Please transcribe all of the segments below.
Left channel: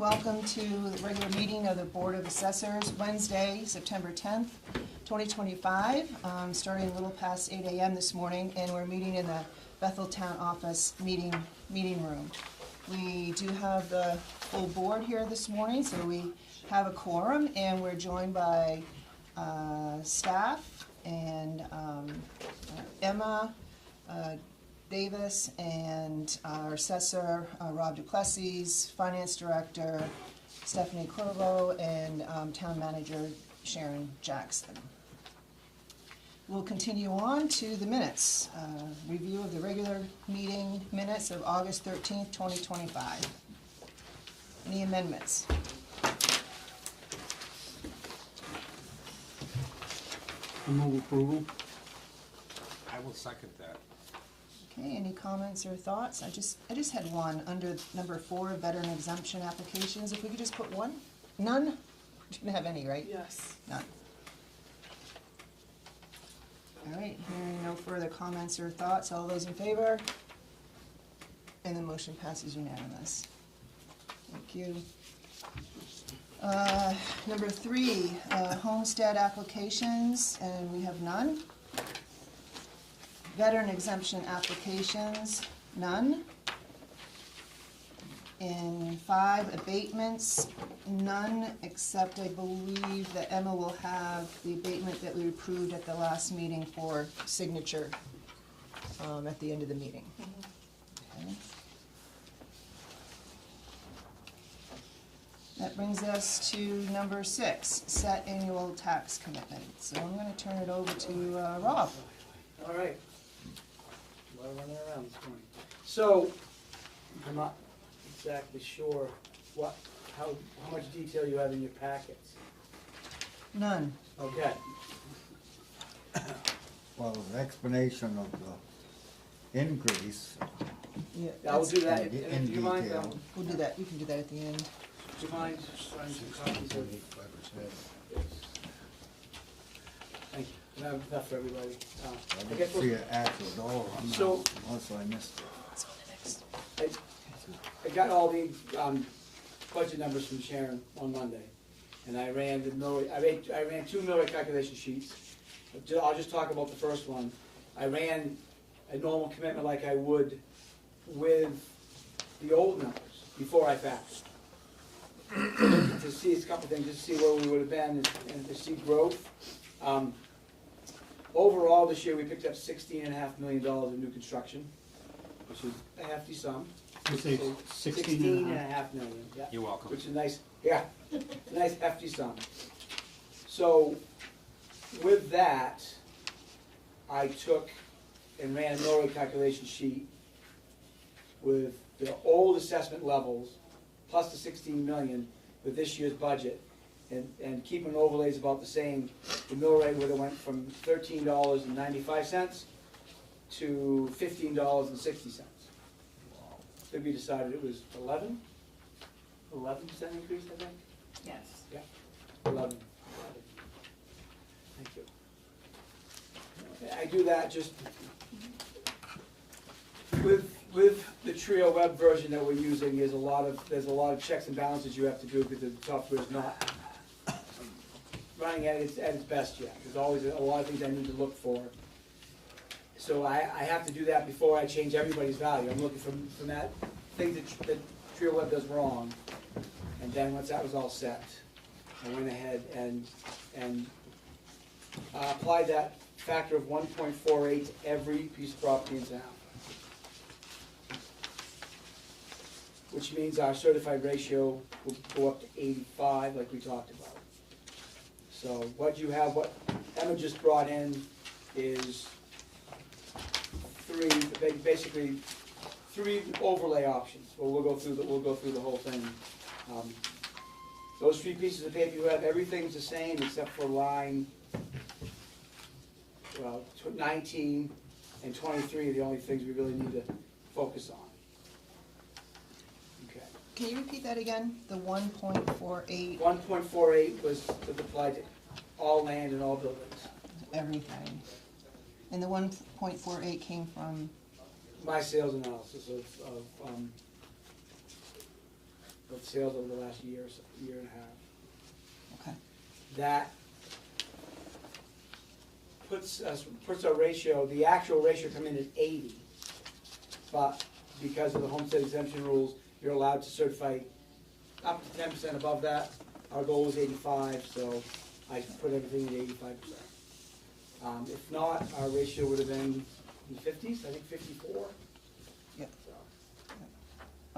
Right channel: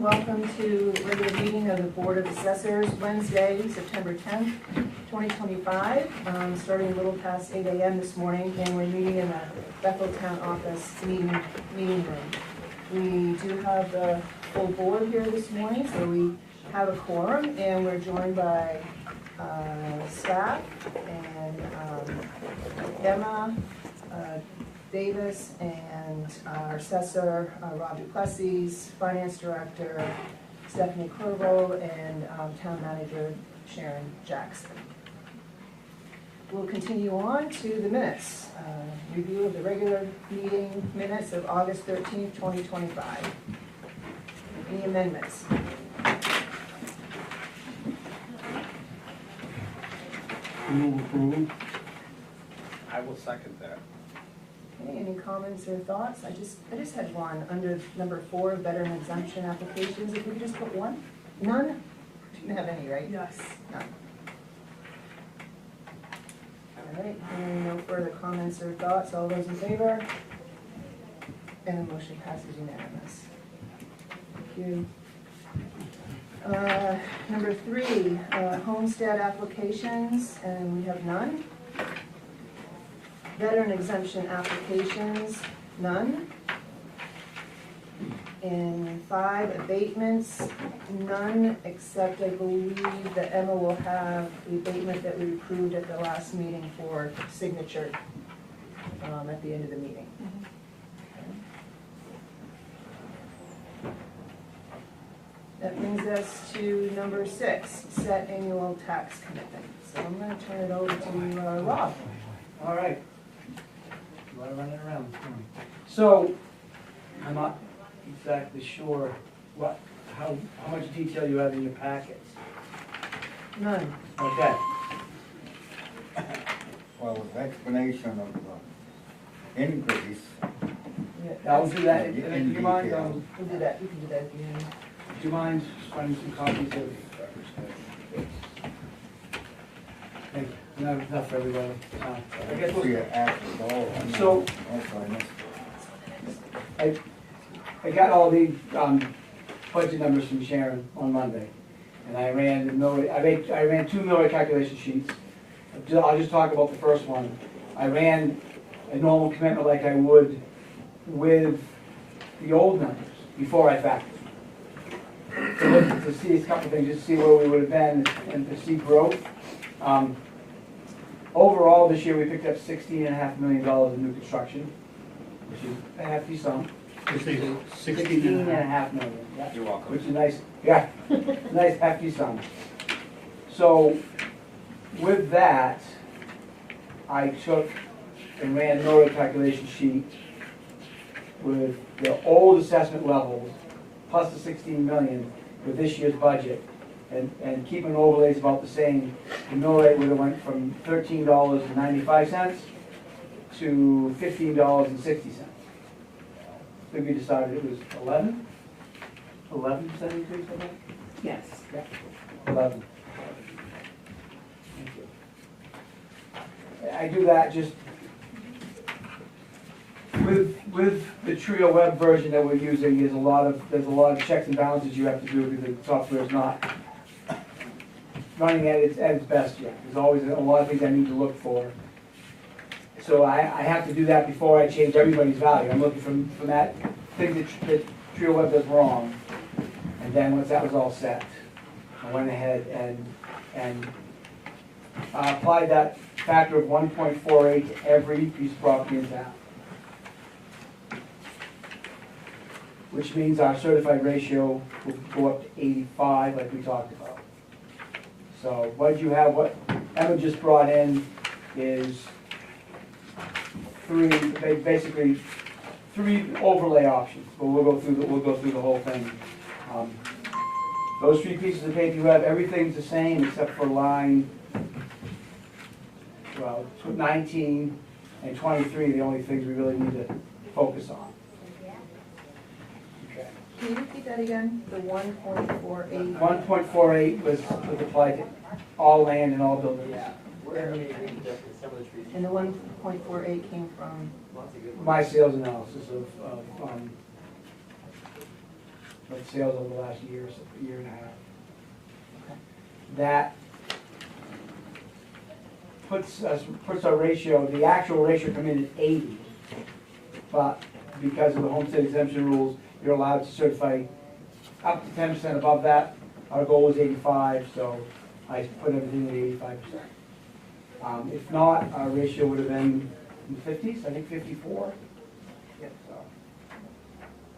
Welcome to the regular meeting of the Board of Assessors, Wednesday, September 10th, 2025. Starting a little past 8 a.m. this morning, and we're meeting in the Bethel Town Office meeting room. We do have the full board here this morning, so we have a quorum, and we're joined by staff and Emma Davis and our assessor, Rob Du-Plessis, finance director, Stephanie Corvo, and town manager, Sharon Jackson. We'll continue on to the minutes. Review of the regular meeting minutes of August 13th, 2025. Any amendments? Approval. I will second that. Okay, any comments or thoughts? I just had one under number 4, veteran exemption applications. If we could just put one? None? Didn't have any, right? Yes. None. All right, hearing no further comments or thoughts, all those in favor? And the motion passes unanimous. Thank you. Number 3, homestead applications, and we have none. Veteran exemption applications, none. And 5, abatements, none, except I believe that Emma will have the abatement that we approved at the last meeting for signature at the end of the meeting. Okay. That brings us to number 6, set annual tax commitment. So I'm going to turn it over to Rob. All right. A lot of running around this morning. So, I'm not exactly sure how much detail you have in your packets. None. Okay. Well, the explanation of the increase. Yeah, I'll do that. In Do you mind, detail. We'll do that. We can do that at the end. do you mind running some copies of? Thank you. Enough for everybody. I guess See we'll, it after all. So- Also, I missed I got all the budget numbers from Sharon on Monday, and I ran the mill rate. I ran 2 mill rate calculation sheets. I'll just talk about the first one. I ran a normal commitment like I would with the old numbers before I factored. To see a couple of things, just to see where we would have been and to see growth. Overall, this year we picked up $16.5 million in new construction, which is a hefty sum. $16.5 million. Yeah. You're welcome. Which is nice, yeah, nice hefty sum. So with that, I took and ran a mill rate calculation sheet with the old assessment levels plus the 16 million with this year's budget, and keeping overlays about the same. The mill rate would have went from $13.95 to $15.60. So we decided it was 11% increase, I think? Yes. Yeah, 11. Thank you. I do that just with the Trio web version that we're using. There's a lot of checks and balances you have to do because the software is not running at its best yet. There's always a lot of things I need to look for. So I have to do that before I change everybody's value. I'm looking from that thing that Trio Web does wrong. And then once that was all set, I went ahead and applied that factor of 1.48 to every piece of property in town. Which means our certified ratio will go up to 85 like we talked about. So what you have, what Emma just brought in is basically three overlay options, but we'll go through the whole thing. Those 3 pieces of paper you have, everything's the same except for line 19 and 23, the only things we really need to focus on. Okay. Can you repeat that again? The 1.48? 1.48 was applied to all land and all buildings. And the 1.48 came from? My sales analysis of of sales over the last year, so year and a half. Okay. That puts our ratio, the actual ratio come in at 80, but because of the homestead exemption rules, you're allowed to certify up to 10% above that. Our goal was 85, so I put everything at 85%. If not, our ratio would have been in the 50s, I think 54. Yeah. So,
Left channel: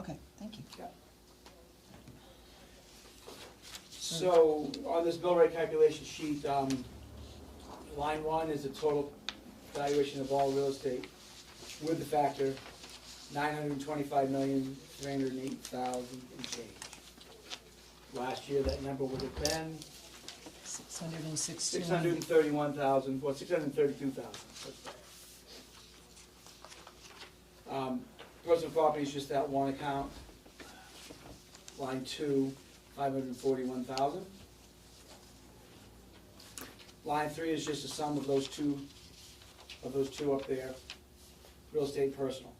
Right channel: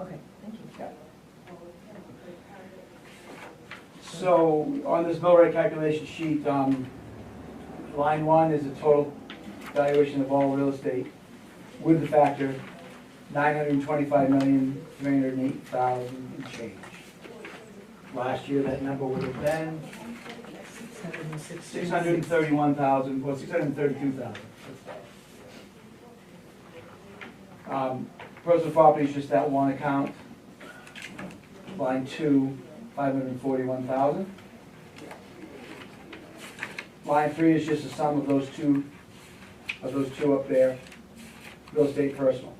Okay, thank you. yeah. So on this mill rate calculation sheet, line 1 is a total valuation of all real estate with the factor, 925,308,000 and change. Last year, that number would have been 631,000, well, 632,000. Personal property is just that one account. Line 2, 541,000. Line 3 is just a sum of those two up there, real estate personal.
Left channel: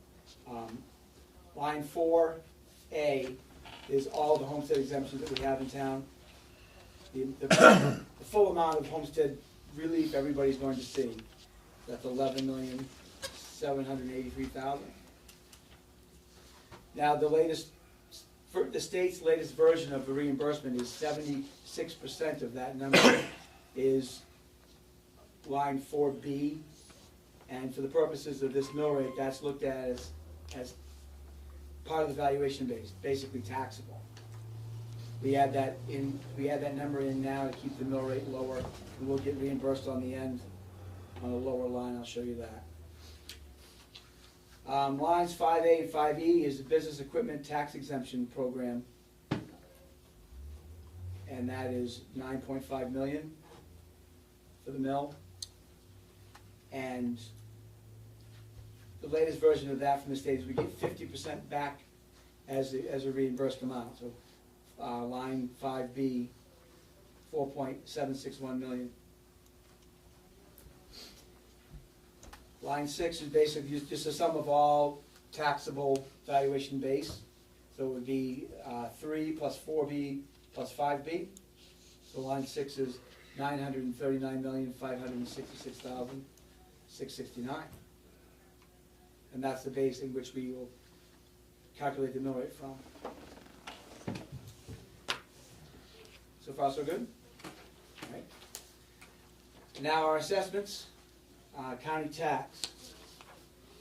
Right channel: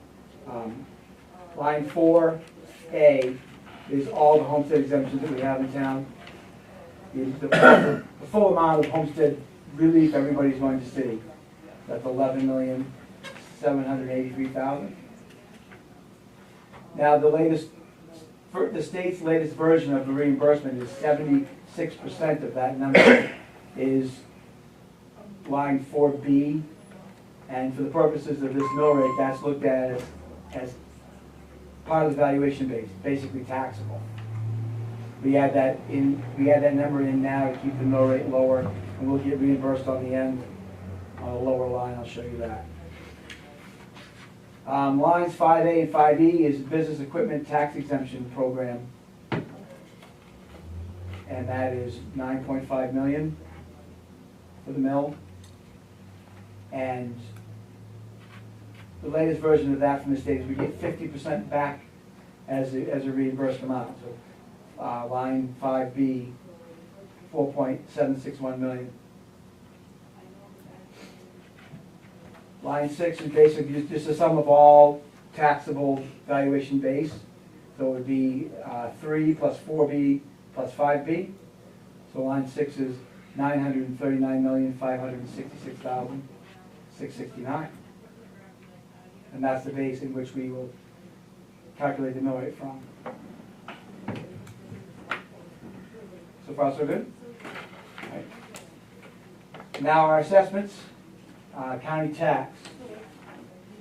Line 4A is all the homestead exemptions that we have in town. The full amount of homestead relief everybody's going to see. That's 11,783,000. Now the state's latest version of the reimbursement is 76% of that number is line 4B, and for the purposes of this mill rate, that's looked at as part of the valuation base, basically taxable. We add that number in now to keep the mill rate lower, and we'll get reimbursed on the end on a lower line. I'll show you that. Lines 5A and 5E is the business equipment tax exemption program, and that is 9.5 million for the mill. And the latest version of that from the state is we get 50% back as a reimbursed amount. So line 5B, 4.761 million. Line 6 is basically just a sum of all taxable valuation base. So it would be 3 plus 4B plus 5B. So line 6 is 939,566,669. And that's the base in which we will calculate the mill rate from. So far, so good? All right. Now our assessments, county tax,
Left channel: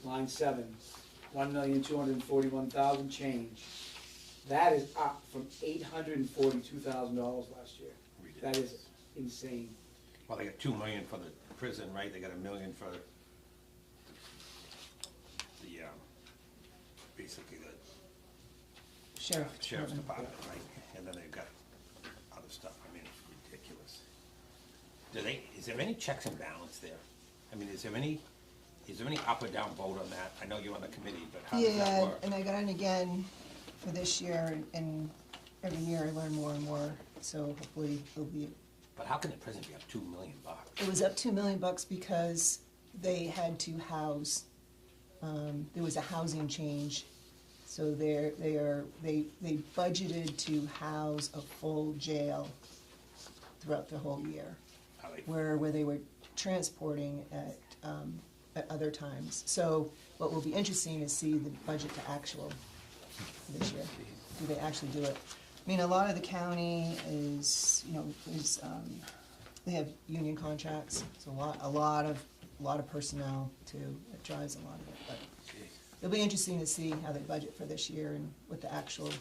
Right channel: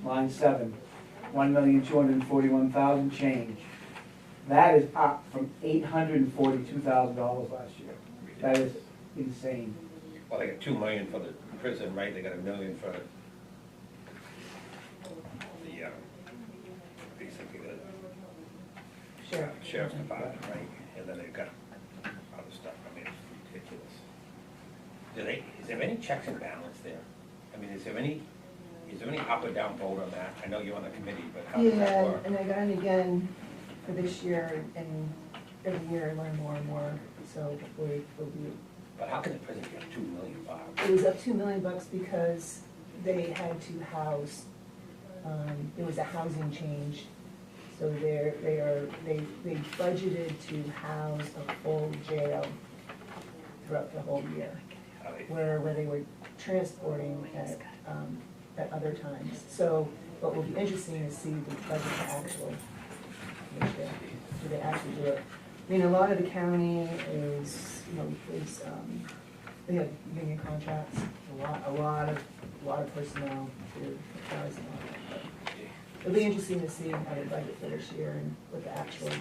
line 7, 1,241,000 change. That is up from $842,000 last year. That is insane. Well, they got 2 million for the prison, right? They got $1 million for the, basically the sheriff's department, right? And then they've got other stuff. I mean, it's ridiculous. Is there any checks and balance there? I mean, is there any up or down vote on that? I know you're on the committee, but how does that Yeah, work? and I got it again for this year, and every year I learn more and more, so hopefully it'll be. But how can the prison get $2 million? It was up $2 million because they had to house, there was a housing change. So they budgeted to house a full jail throughout the whole year, where they were transporting at other times. So what will be interesting is see the budget to actual this year. Do they actually do it? I mean, a lot of the county is, they have union contracts, so a lot of personnel to advise them on it. But it'll be interesting to see how they budget for this year and what the actual is.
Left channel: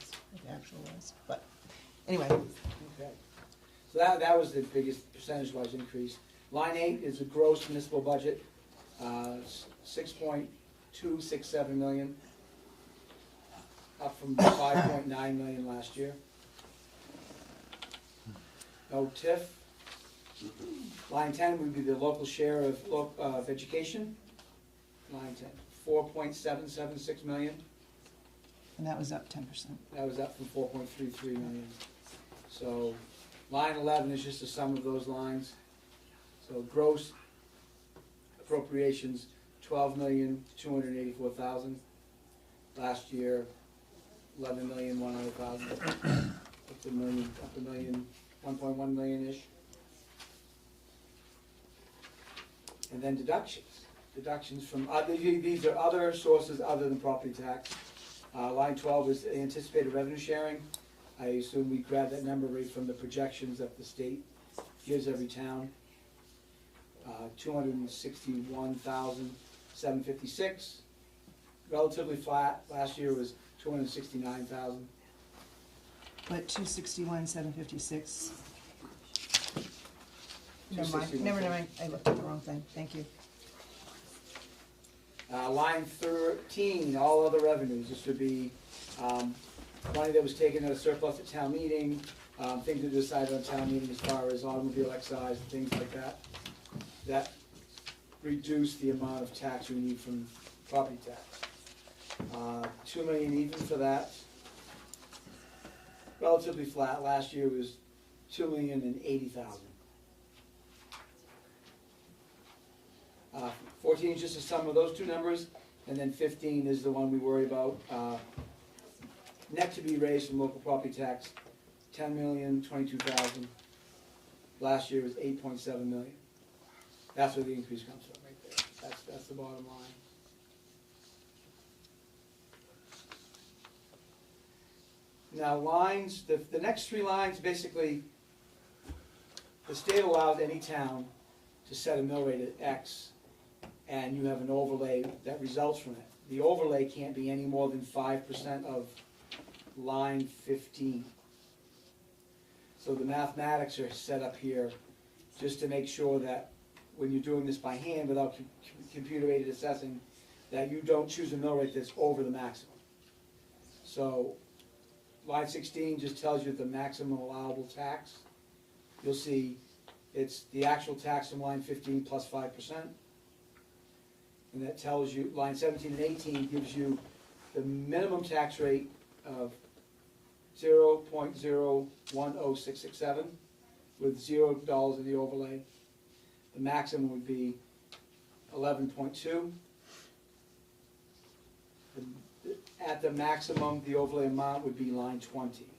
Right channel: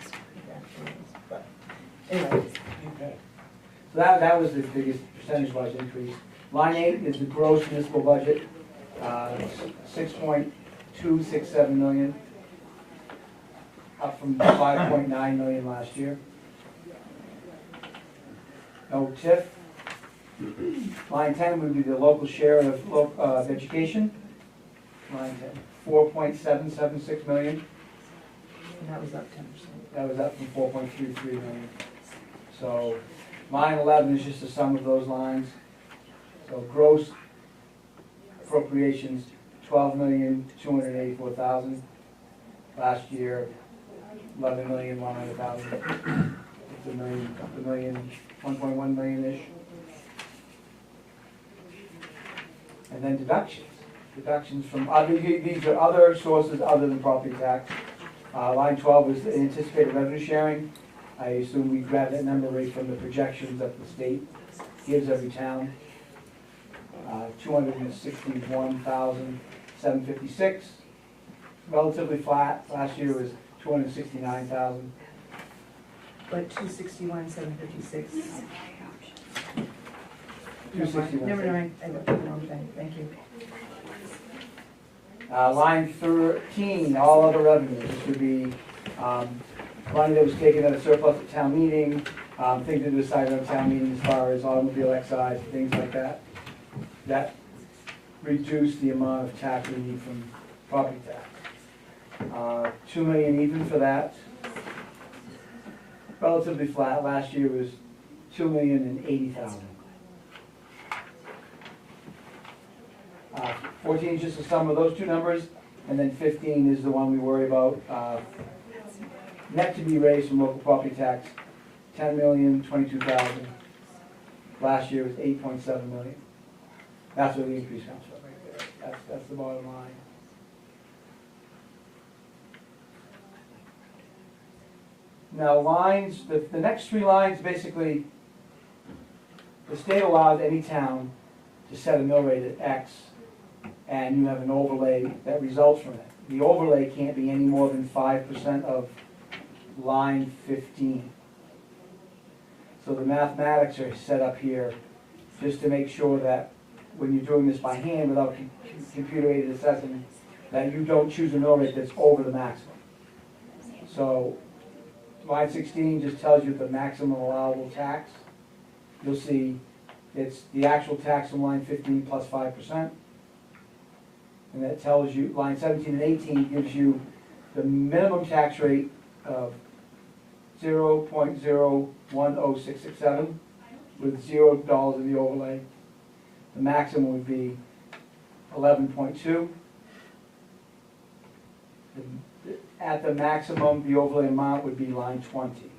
But anyway. Okay. So that was the biggest percentage-wise increase. Line 8 is the gross municipal budget, 6.267 million, up from 5.9 million last year. No TIF. Line 10 would be the local share of education. Line 10, 4.776 million. And that was up 10%. That was up from 4.33 million. So line 11 is just a sum of those lines. So gross appropriations, 12,284,000. Last year, $11,100,000. It's a million, 1.1 million-ish. And then deductions. Deductions from, these are other sources other than property tax. Line 12 is the anticipated revenue sharing. I assume we grab that number right from the projections that the state gives every town. 261,756. Relatively flat. Last year was 269,000. But 261,756. 261. Never mind, I looked at the wrong thing, thank you. Line 13, all other revenues, this would be money that was taken at a surplus at town meeting, things that were decided on town meeting as far as automobile excise, things like that. That reduced the amount of tax we need from property tax. 2 million even for that. Relatively flat, last year was 2,080,000. 14 is just the sum of those two numbers, and then 15 is the one we worry about. Net to be raised from local property tax, 10,022,000. Last year was 8.7 million. That's where the increase comes from right there. That's the bottom line. Now lines, the next three lines, basically, the state allows any town to set a mill rate at X, and you have an overlay that results from it. The overlay can't be any more than 5% of line 15. So the mathematics are set up here just to make sure that when you're doing this by hand without computer-aided assessing, that you don't choose a mill rate that's over the maximum. So line 16 just tells you the maximum allowable tax. You'll see it's the actual tax from line 15 plus 5%. And that tells you, line 17 and 18 gives you the minimum tax rate of 0.010667 with $0 in the overlay. The maximum would be 11.2. At the maximum, the overlay amount would be line 20.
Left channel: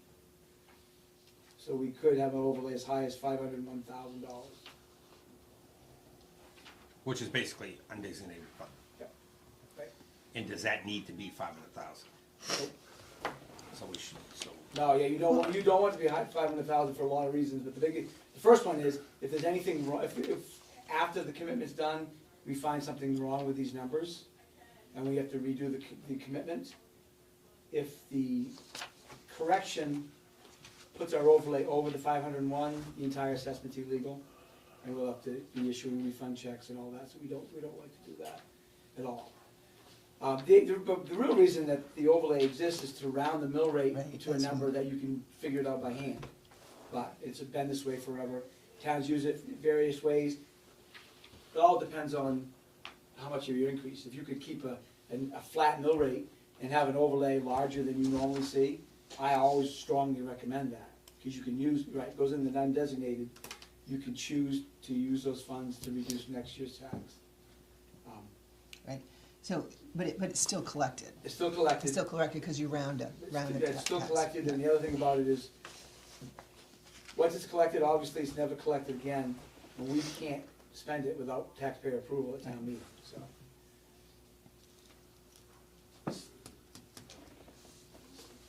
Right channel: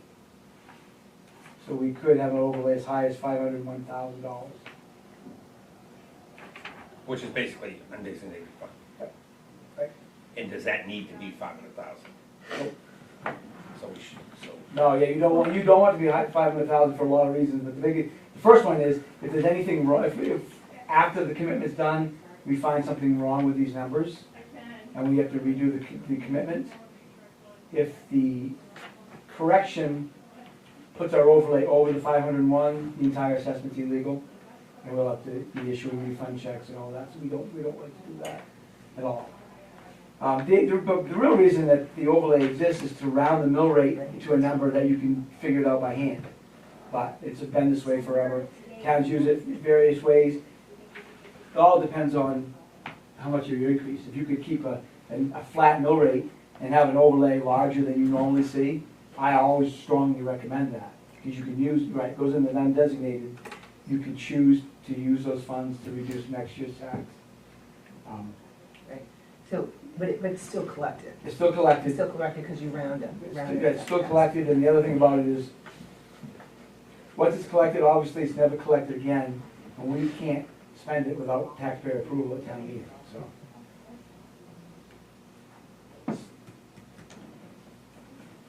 So we could have an overlay as high as $501,000. Which is basically undesignated fund. Right. And does that need to be 500,000? So we should, No, yeah, you don't want to be high 500,000 for a lot of reasons, but the first one is, if there's anything wrong, if after the commitment's done, we find something wrong with these numbers, and we have to redo the commitment, if the correction puts our overlay over the 501, the entire assessment's illegal, and we'll have to be issuing refund checks and all that, so we don't like to do that at all. The real reason that the overlay exists is to round the mill rate to a number that you can figure it out by hand. But it's been this way forever. Towns use it in various ways. It all depends on how much of your increase. If you could keep a flat mill rate and have an overlay larger than you normally see, I always strongly recommend that. Because you can use, right, it goes in the undesignated, you can choose to use those funds to reduce next year's tax. Right. So, but it's still collected. It's still collected. It's still collected because you round it. It's still collected, and the other thing about it is, once it's collected, obviously it's never collected again, and we can't spend it without taxpayer approval at town meeting, so.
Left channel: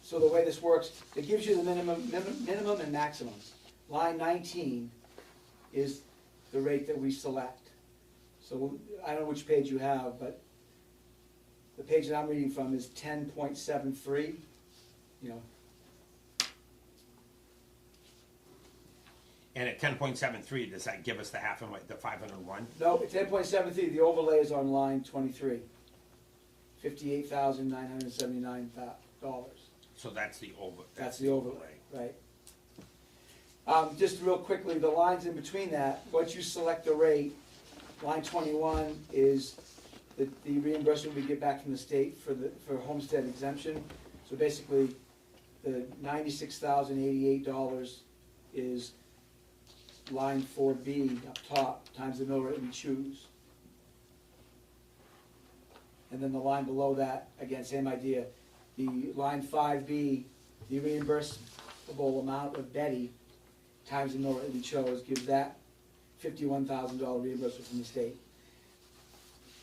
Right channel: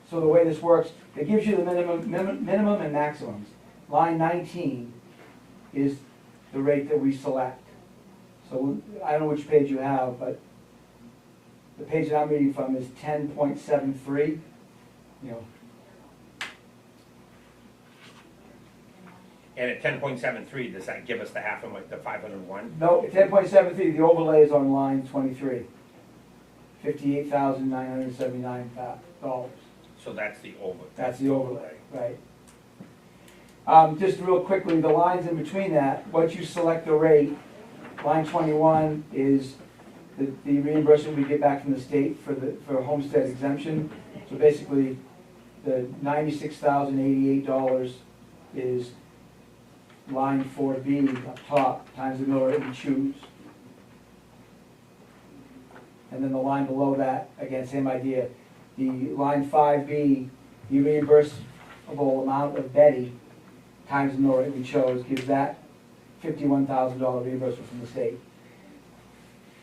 So the way this works, it gives you the minimum and maximums. Line 19 is the rate that we select. So I don't know which page you have, but the page that I'm reading from is 10.73, you know. and at 10.73, does that give us the half of the 501? No, 10.73, the overlay is on line 23, $58,979. So that's the over. That's the overlay, right. Just real quickly, the lines in between that, once you select the rate, line 21 is the reimbursement we get back from the state for homestead exemption. So basically, the $96,088 is line 4B up top times the mill rate we choose. And then the line below that, again, same idea. the line 5B, the reimbursable amount of Betty times the mill rate we chose gives that $51,000 reimbursement from the state.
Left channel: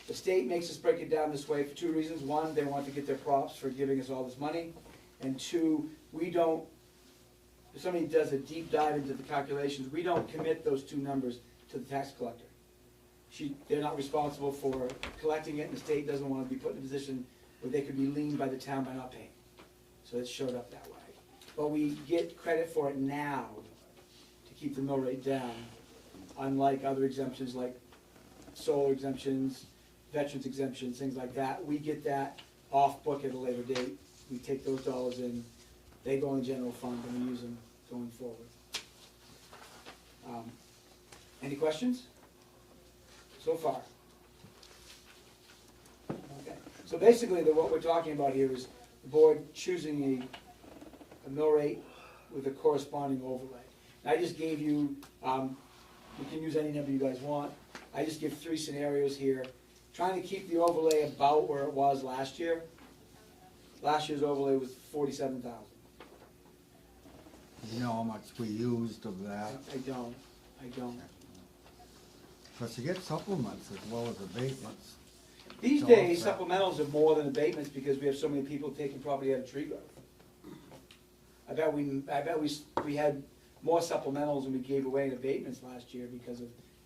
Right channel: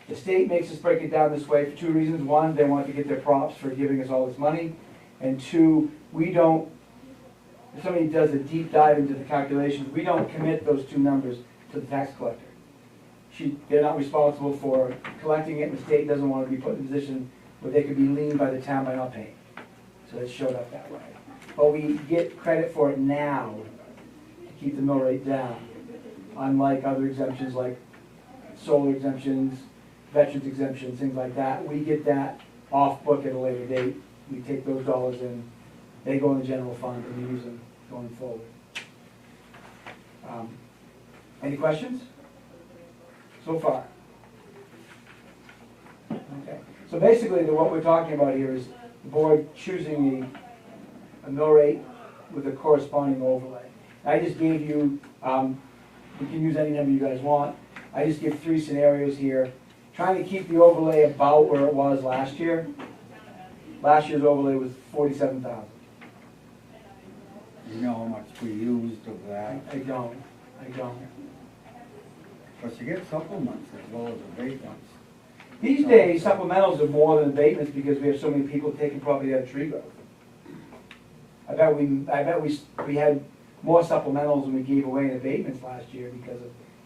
The state makes us break it down this way for two reasons. One, they want to get their props for giving us all this money. And two, we don't, if somebody does a deep dive into the calculations, we don't commit those two numbers to the tax collector. They're not responsible for collecting it, and the state doesn't want to be put in a position where they could be leaned by the town by not paying. So it showed up that way. But we get credit for it now to keep the mill rate down, unlike other exemptions like solar exemptions, veterans exemptions, things like that. We get that off book at a later date. We take those dollars in, they go in the general fund and we use them going forward. Any questions? So far? Okay, so basically what we're talking about here is the board choosing a mill rate with a corresponding overlay. I just gave you, you can use any number you guys want. I just give three scenarios here, trying to keep the overlay about where it was last year. Last year's overlay was $47,000. You know how much we used of that? I don't. Because you get supplements as well as abatements. These days, supplementals are more than abatements because we have so many people taking property out of tree growth. I bet we had more supplementals than we gave away in abatements last year because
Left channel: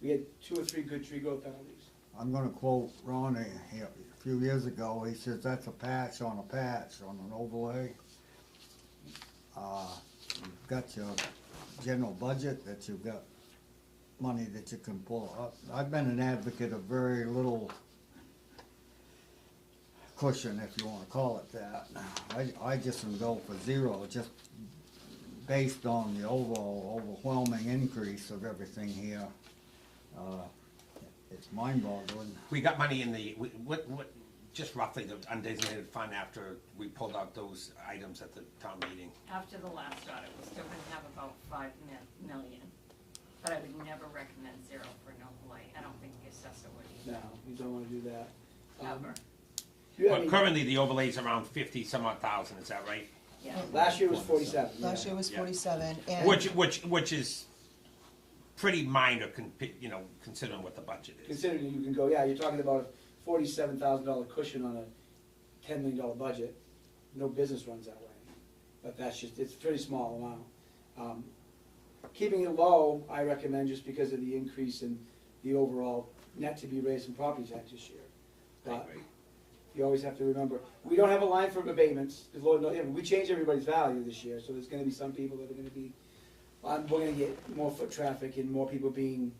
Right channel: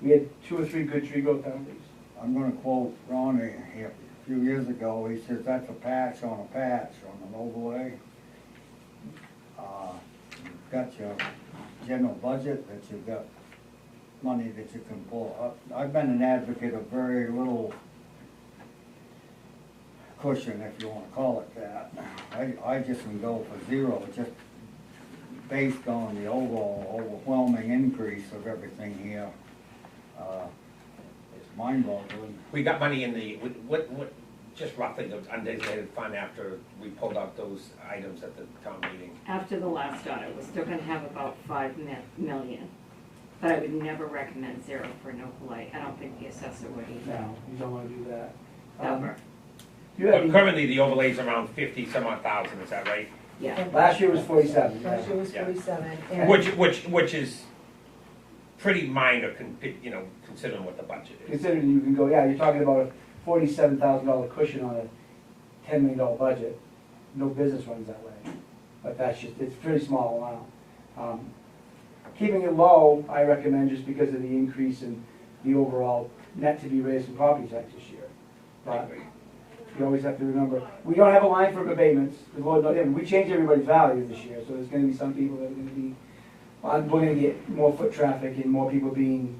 we had 2 or 3 good tree growth penalties. I'm gonna quote Ronnie here. A few years ago, he says that's a patch on an overlay. You've got your general budget, that you've got money that you can pull up. I've been an advocate of very little cushion, if you wanna call it that. I just would go for zero, just based on the overall overwhelming increase of everything here. It's mind-boggling. We got money in the, what, just roughly, the undesignated fund after we pulled out those items at the town meeting. After the last audit, we're still gonna have about 5 million, but I would never recommend zero for an overlay. I don't think the assessor would either. No, you don't wanna do that. Ever. But currently, the overlay's around 50 some odd thousand, is that right? Yeah. Last year was 47. yeah. Last year was Yeah. 47, and. Which is pretty minor, considering what the budget is. Considering you can go, yeah, you're talking about a $47,000 cushion on a $10 million budget. No business runs that way. But that's just, it's a pretty small amount. Keeping it low, I recommend just because of the increase in the overall net to be raised from property tax this year. But you always have to remember, we don't have a line for abatements. The Lord knows, we changed everybody's value this year, so there's gonna be some people that are gonna be, we're gonna get more foot traffic and more people being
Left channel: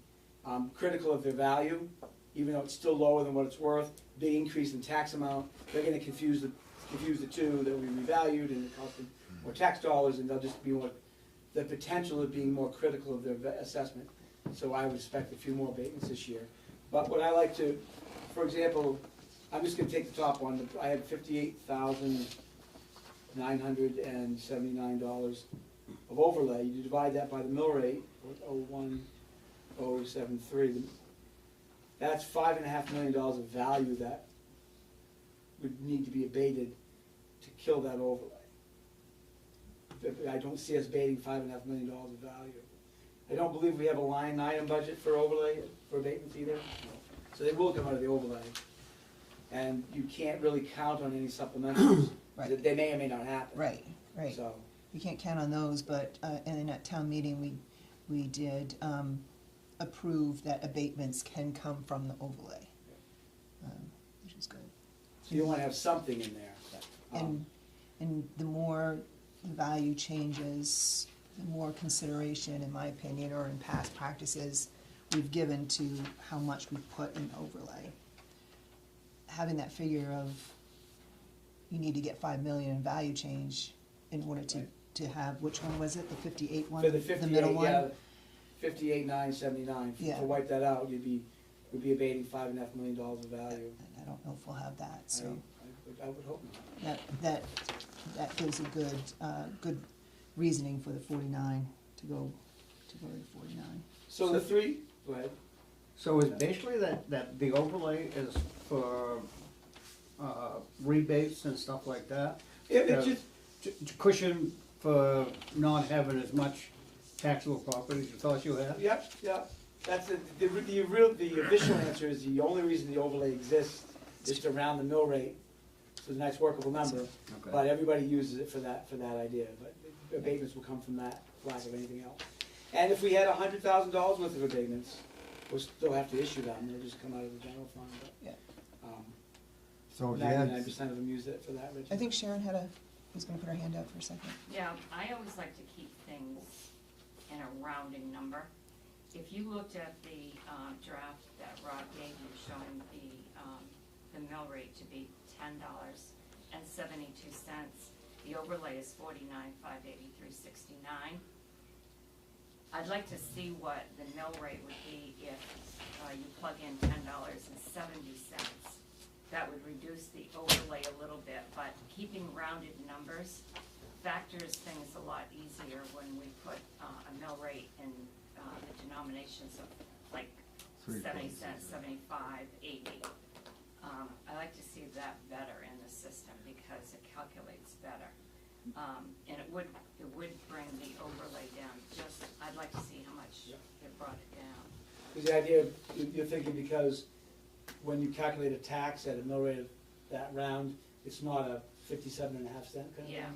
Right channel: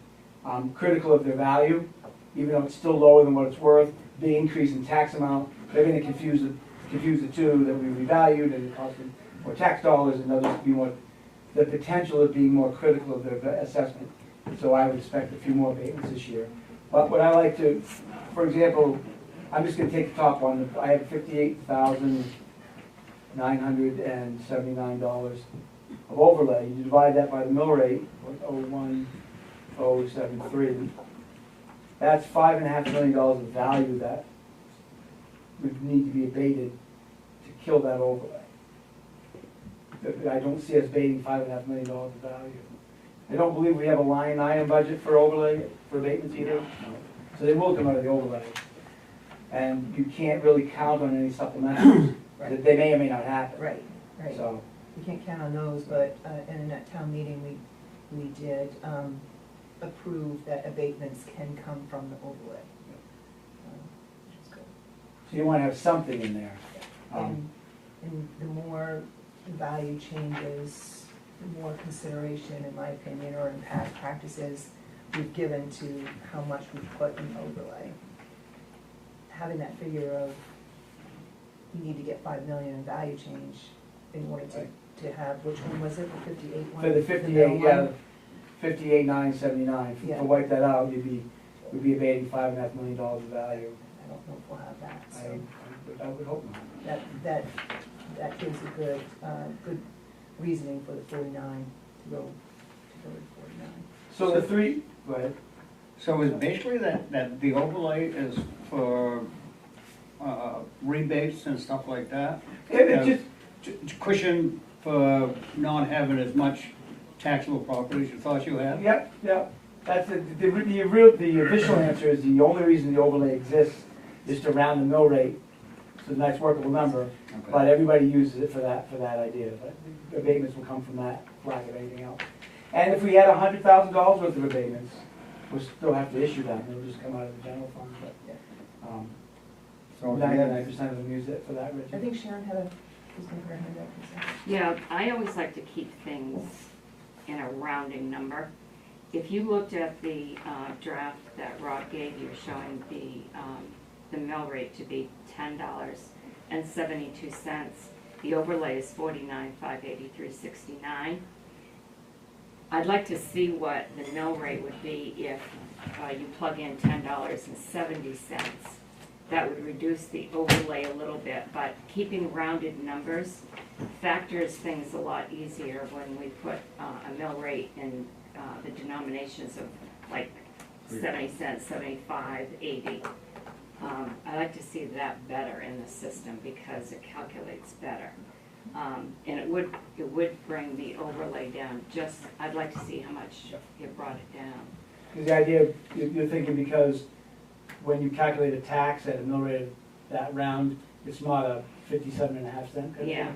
critical of their value, even though it's still lower than what it's worth. Big increase in tax amount, they're gonna confuse the two, that we revalued and it cost them more tax dollars, and they'll just be more, the potential of being more critical of their assessment. So I would expect a few more abatements this year. But what I like to, for example, I'm just gonna take the top one. I have $58,979 of overlay. You divide that by the mill rate, 0.01073. That's $5.5 million of value that would need to be abated to kill that overlay. I don't see us abating $5.5 million of value. I don't believe we have a line item budget for overlay, for abatements either. So they will come out of the overlay. And you can't really count on any supplementals. Right. They may or may not happen. Right. So, We can't count on those, but in that town meeting, we did approve that abatements can come from the overlay, which is good. so you wanna have something in there. And the more the value changes, the more consideration, in my opinion, or in past practices, we've given to how much we put in overlay. Having that figure of, you need to get 5 million in value change in order to have, which one was it, the 58 one? For the middle 58, yeah, one? 58,979, Yeah. to wipe that out, we'd be abating $5.5 million of value. I don't know if we'll have that, so I would hope not. that gives a good reasoning for the 49 to go to 49. So the three, go ahead. So is basically that the overlay is for rebates and stuff like that. Yeah, it's just, Cushion for not having as much taxable property as you thought you had. yep, that's the official answer is the only reason the overlay exists is to round the mill rate. It's a nice workable number, but everybody uses it for that idea, but the abatements will come from that, lack of anything else. And if we had $100,000 worth of abatements, we'll still have to issue them, they'll just come out of the general fund, but, So if you had- 99% of them use it for that, Richard. I think Sharon was going to put her hand up for a second. Yeah, I always like to keep things in a rounding number. If you looked at the draft that Rob gave you showing the mill rate to be $10.72, the overlay is $49,583.69. I'd like to see what the mill rate would be if you plug in $10.70. That would reduce the overlay a little bit, but keeping rounded numbers factors things a lot easier when we put a mill rate in the denominations of like 70 cents, 75, 80. I like to see that better in the system because it calculates better. And it would bring the overlay down, just, I'd like to see how much it brought it down. Because the idea, you're thinking because when you calculate a tax at a mill rate of that round, it's not a 57.5 cent? Yeah.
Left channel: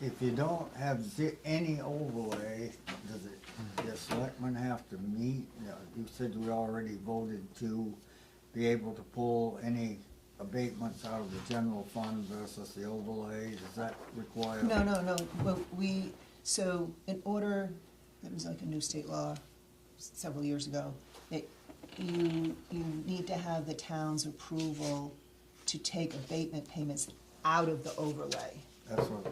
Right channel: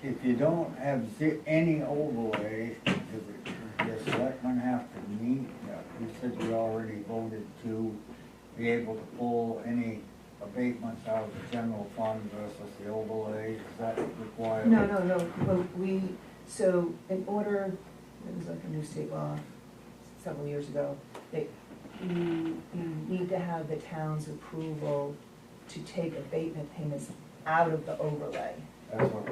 If you don't have any overlay, does the selectmen have to meet? You said you already voted to be able to pull any abatements out of the general fund versus the overlay, is that required? No, but so in order, it was like a new state law several years ago, you need to have the town's approval to take abatement payments out of the overlay.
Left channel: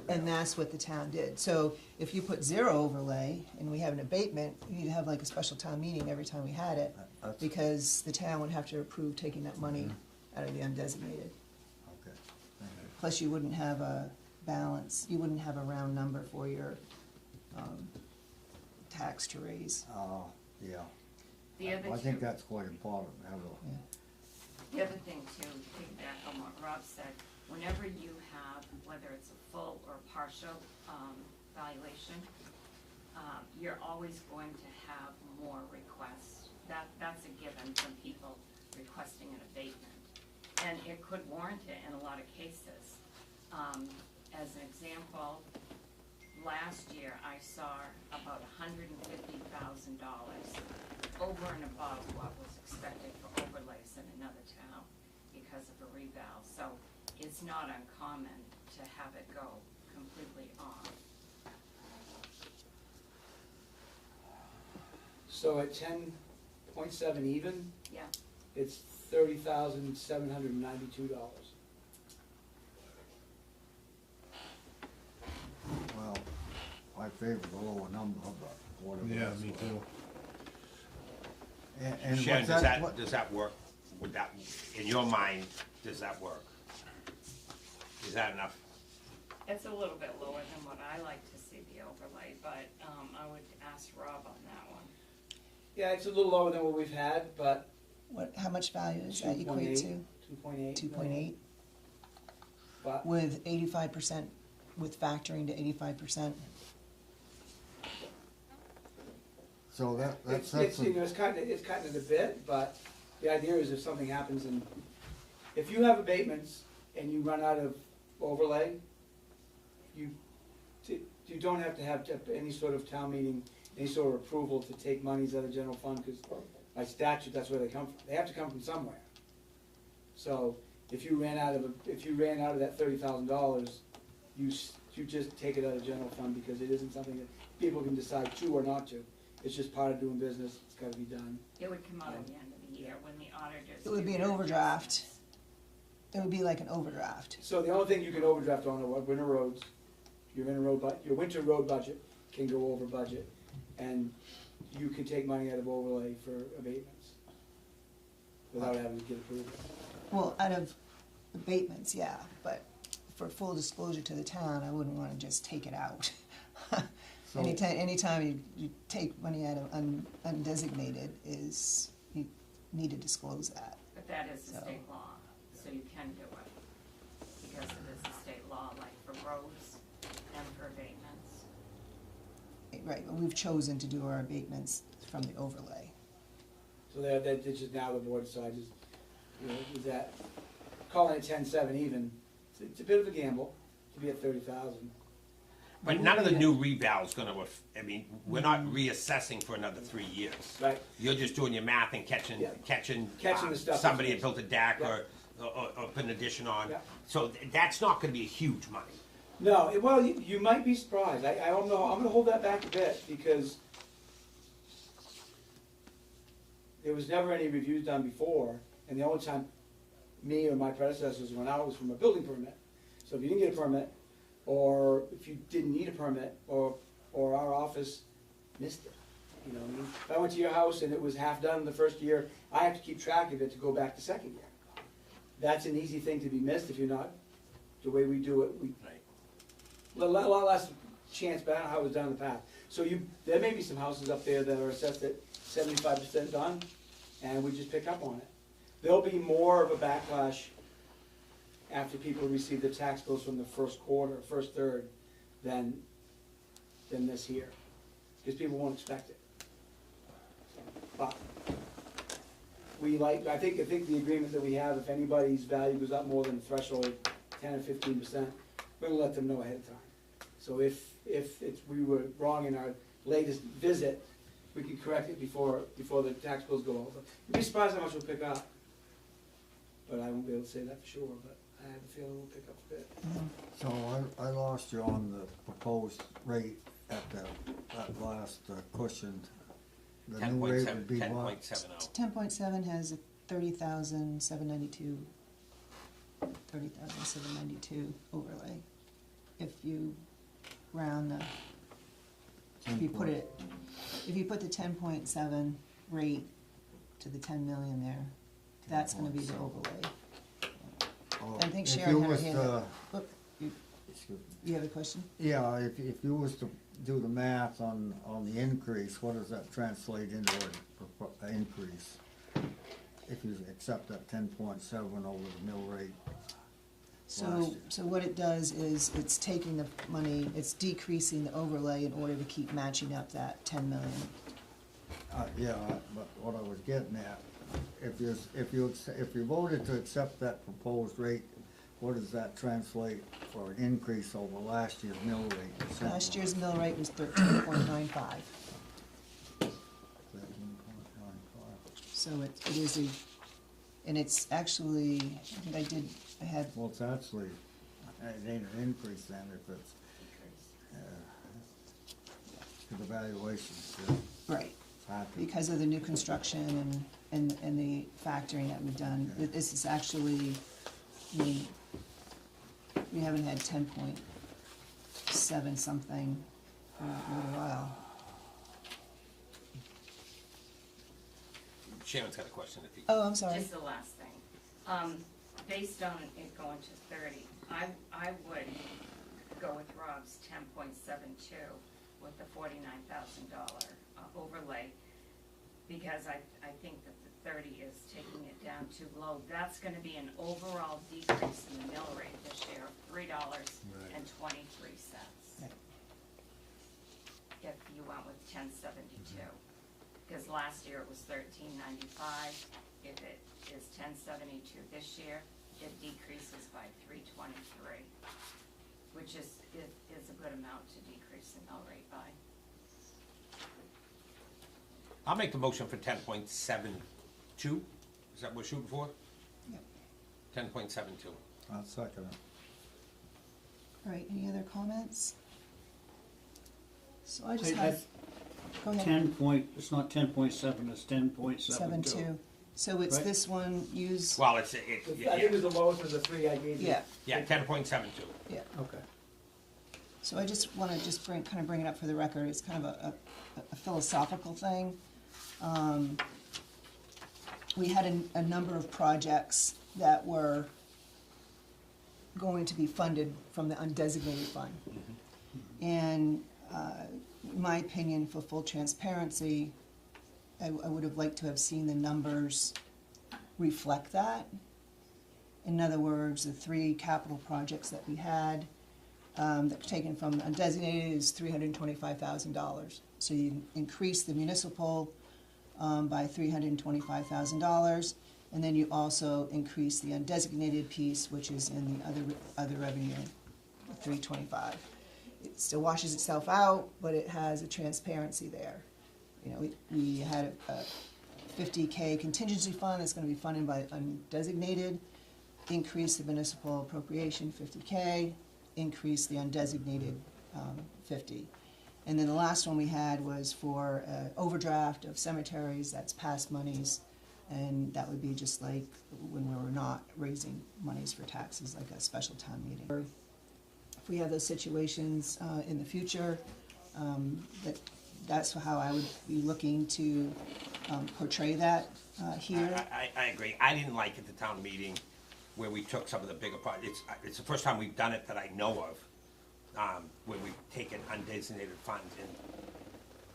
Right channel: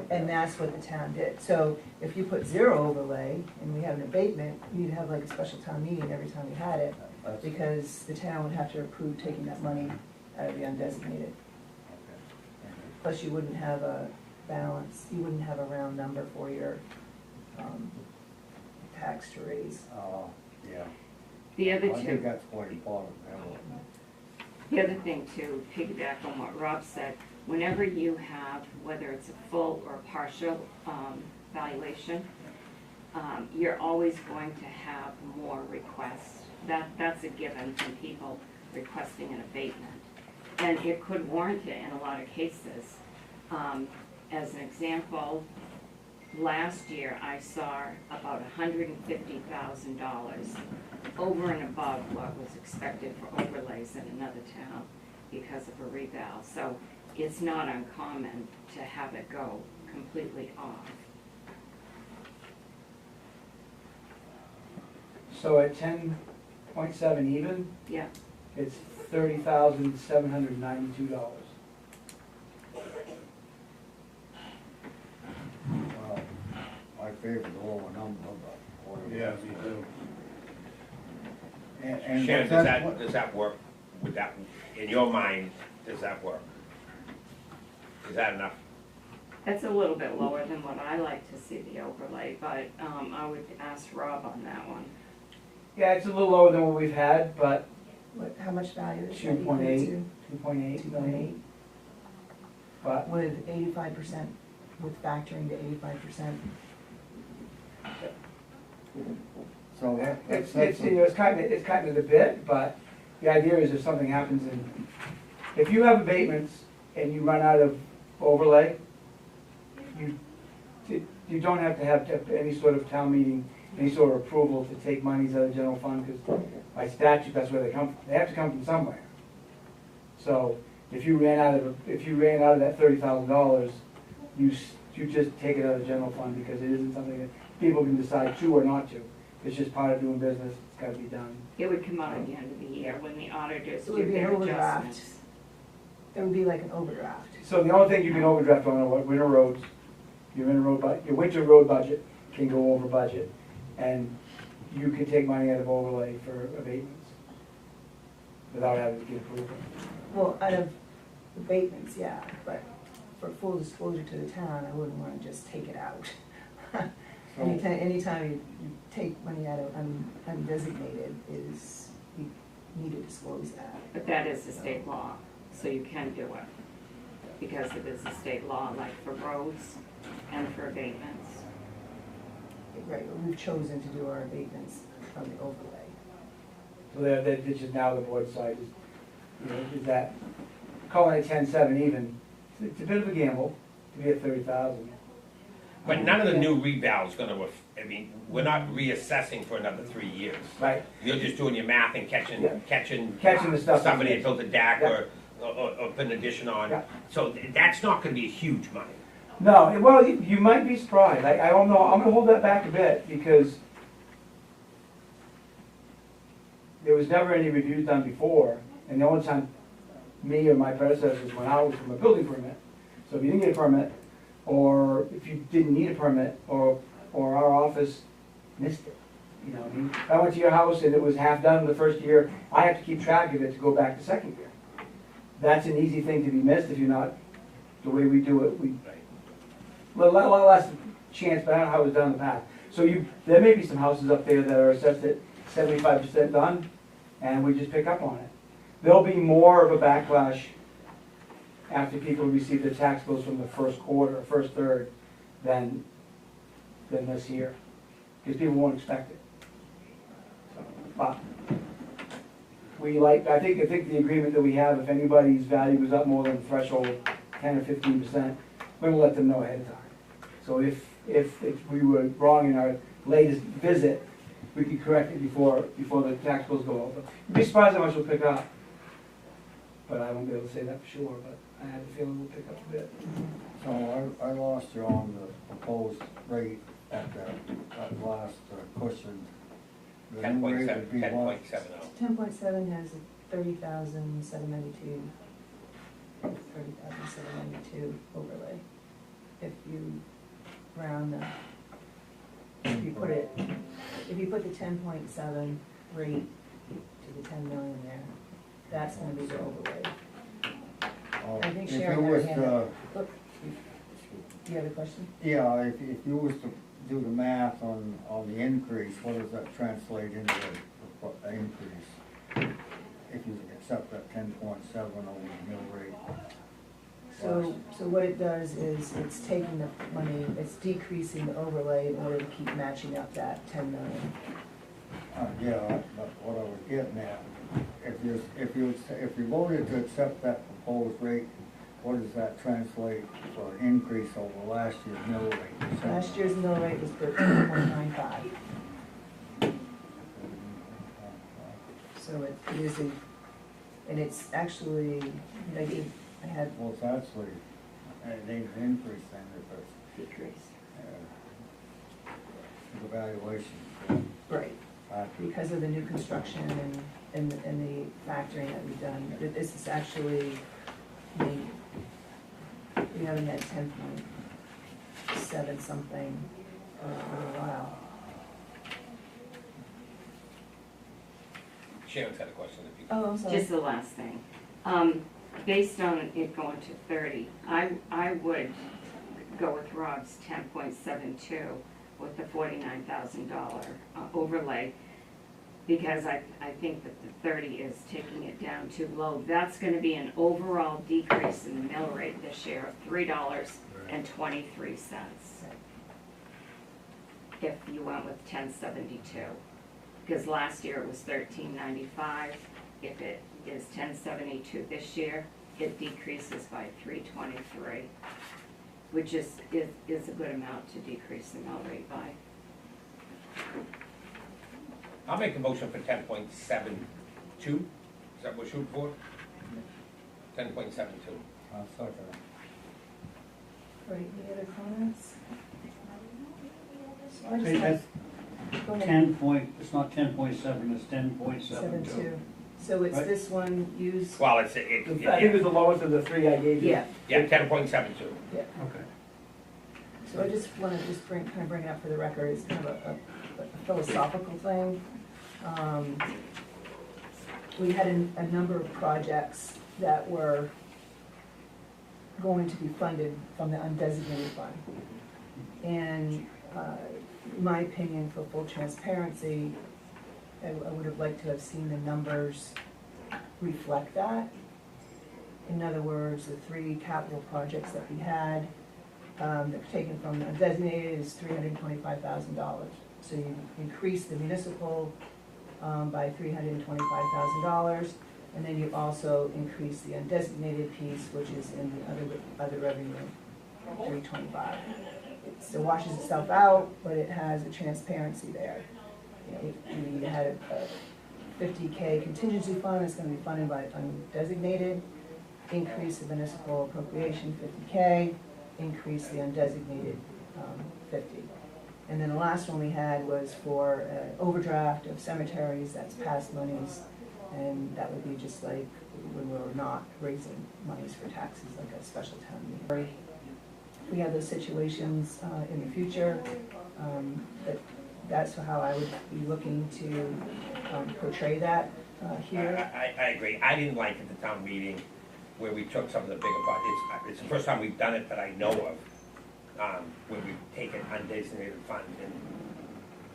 And that's what the town did. So if you put zero overlay and we have an abatement, you'd have like a special town meeting every time we had it, because the town would have to approve taking that money out of the undesignated. Plus you wouldn't have a balance, you wouldn't have a round number for your tax to raise. Yeah. The other I think two, that's quite important, the other thing to piggyback on what Rob said, whenever you have, whether it's a full or partial valuation, you're always going to have more requests. That's a given from people requesting an abatement. And it could warrant it in a lot of cases. As an example, last year I saw about $150,000 over and above what was expected for overlays in another town because of a reval. So it's not uncommon to have it go completely off. So at 10.7 even, Yeah. it's $30,792. Well, I favor the lower number, but whatever. Yeah, me too. And Sharon, what's does that, does that work with that, in your mind, does that work? Is that enough? That's a little bit lower than what I like to see the overlay, but I would ask Rob on that one. Yeah, it's a little lower than what we've had, but How much value is that equate 2.8, to? 2.8 2.8, million. But with 85%, with factoring to 85%. so it's kind of the bit, but the idea is if something happens and, if you have abatements and you run out of overlay, you don't have to have any sort of town meeting, any sort of approval to take monies out of the general fund, because by statute, that's where they come from. They have to come from somewhere. So if you ran out of that $30,000, you just take it out of the general fund, because it isn't something that people can decide to or not to. It's just part of doing business, it's gotta be done. It would come out at the end of the year when the auditors It would do be an their overdraft. adjustments. It would be like an overdraft. So the only thing you can overdraft on are winter roads, your winter road budget can go over budget, and you can take money out of overlay for abatements without having to get approval. Well, out of abatements, yeah, but for full disclosure to the town, I wouldn't wanna just take it out. Anytime you take money out of undesignated you need to disclose that. But that is the state law, so you can do it. Because it is a state law, like for roads and for abatements. Right, but we've chosen to do our abatements from the overlay. So that this is now the board side, is that, calling it 10-7 even, it's a bit of a gamble to be at 30,000. But none of the new reval's gonna, I mean, we're not reassessing for another 3 years. Right, You're just doing your math and catching, Yeah. catching. Catching the stuff. Somebody had built a deck Yeah. or put an addition on. Yeah. So that's not gonna be huge money. No, well, you might be surprised, I don't know, I'm gonna hold that back a bit, because there was never any reviews done before, and the only time me or my predecessors went out was from a building permit. So if you didn't get a permit, or if you didn't need a permit, or our office missed it. You know, if I went to your house and it was half done the first year, I have to keep track of it to go back the second year. That's an easy thing to be missed if you're not, the way we do it, a lot less chance, but I don't know how it was done in the past. So there may be some houses up there that are assessed at 75% done, and we just pick up on it. There'll be more of a backlash after people receive their tax bills from the first quarter, first third, than this year, because people won't expect it. But I think the agreement that we have, if anybody's value goes up more than the threshold, 10 or 15%, we're gonna let them know ahead of time. So if we were wrong in our latest visit, we could correct it before the tax bills go over. You'd be surprised how much we'll pick up. But I won't be able to say that for sure, but I have a feeling we'll pick up a bit. So I lost you on the proposed rate at that last cushioned. The new rate would be what? 10.70. 10.7 has 30,792. 30,792 overlay. If you round if you put the 10.7 rate to the 10 million there, that's gonna be the overlay. I think If Sharon you had her was hand to- up. Look, do you have a question? Yeah, if you was to do the math on the increase, what does that translate into the increase? If you accept that 10.7 over the mill rate? So what it does is it's taking the money, it's decreasing the overlay in order to keep matching up that 10 million. Yeah, but what I was getting at, if you voted to accept that proposed rate, what does that translate for an increase over last year's mill rate? Last year's mill rate was 13.95. So it is and it's actually, I had, Well, it's actually, it ain't an increase then, if it's, Decrease. the valuation. right, because of the new construction and the factoring that we've done. This is actually, we haven't had 10.7 something for a while. Sharon's got a question. If you Oh, I'm sorry. Just the last thing. Based on it going to 30, I would go with Rob's 10.72 with the $49,000 overlay, because I think that the 30 is taking it down too low. That's gonna be an overall decrease in the mill rate this year of $3.23. If you went with 10.72, because last year it was 13.95. If it is 10.72 this year, it decreases by 3.23, which is a good amount to decrease the mill rate by. I'll make the motion for 10.72. Is that what we're shooting for? 10.72. I'll second it. All right, any other comments? So I just Hey, have, go ahead. 10 point, it's not 10.7, it's 10.72. 7.2. So it's Right. this one, use, Well, it's, I think it was the lowest of the three I gave you. yeah, yeah, 10.72. yeah. Okay. So I just want to bring it up for the record, it's kind of a philosophical thing. We had a number of projects that were going to be funded from the undesignated fund. And in my opinion, for full transparency, I would have liked to have seen the numbers reflect that. In other words, the 3 capital projects that we had, that were taken from undesignated is $325,000. So you increase the municipal by $325,000, and then you also increase the undesignated piece, which is in the other revenue, $325. It still washes itself out, but it has a transparency there. We had a $50K contingency fund that's gonna be funded by undesignated, increase the municipal appropriation $50K, increase the undesignated 50. And then the last one we had was for overdraft of cemeteries, that's past monies, and that would be just like when we're not raising monies for taxes, like a special town meeting. If we have those situations in the future, that's how I would be looking to portray that here. I agree. I didn't like at the town meeting where we took some of the bigger projects. It's the first time we've done it that I know of, where we've taken undesignated funds and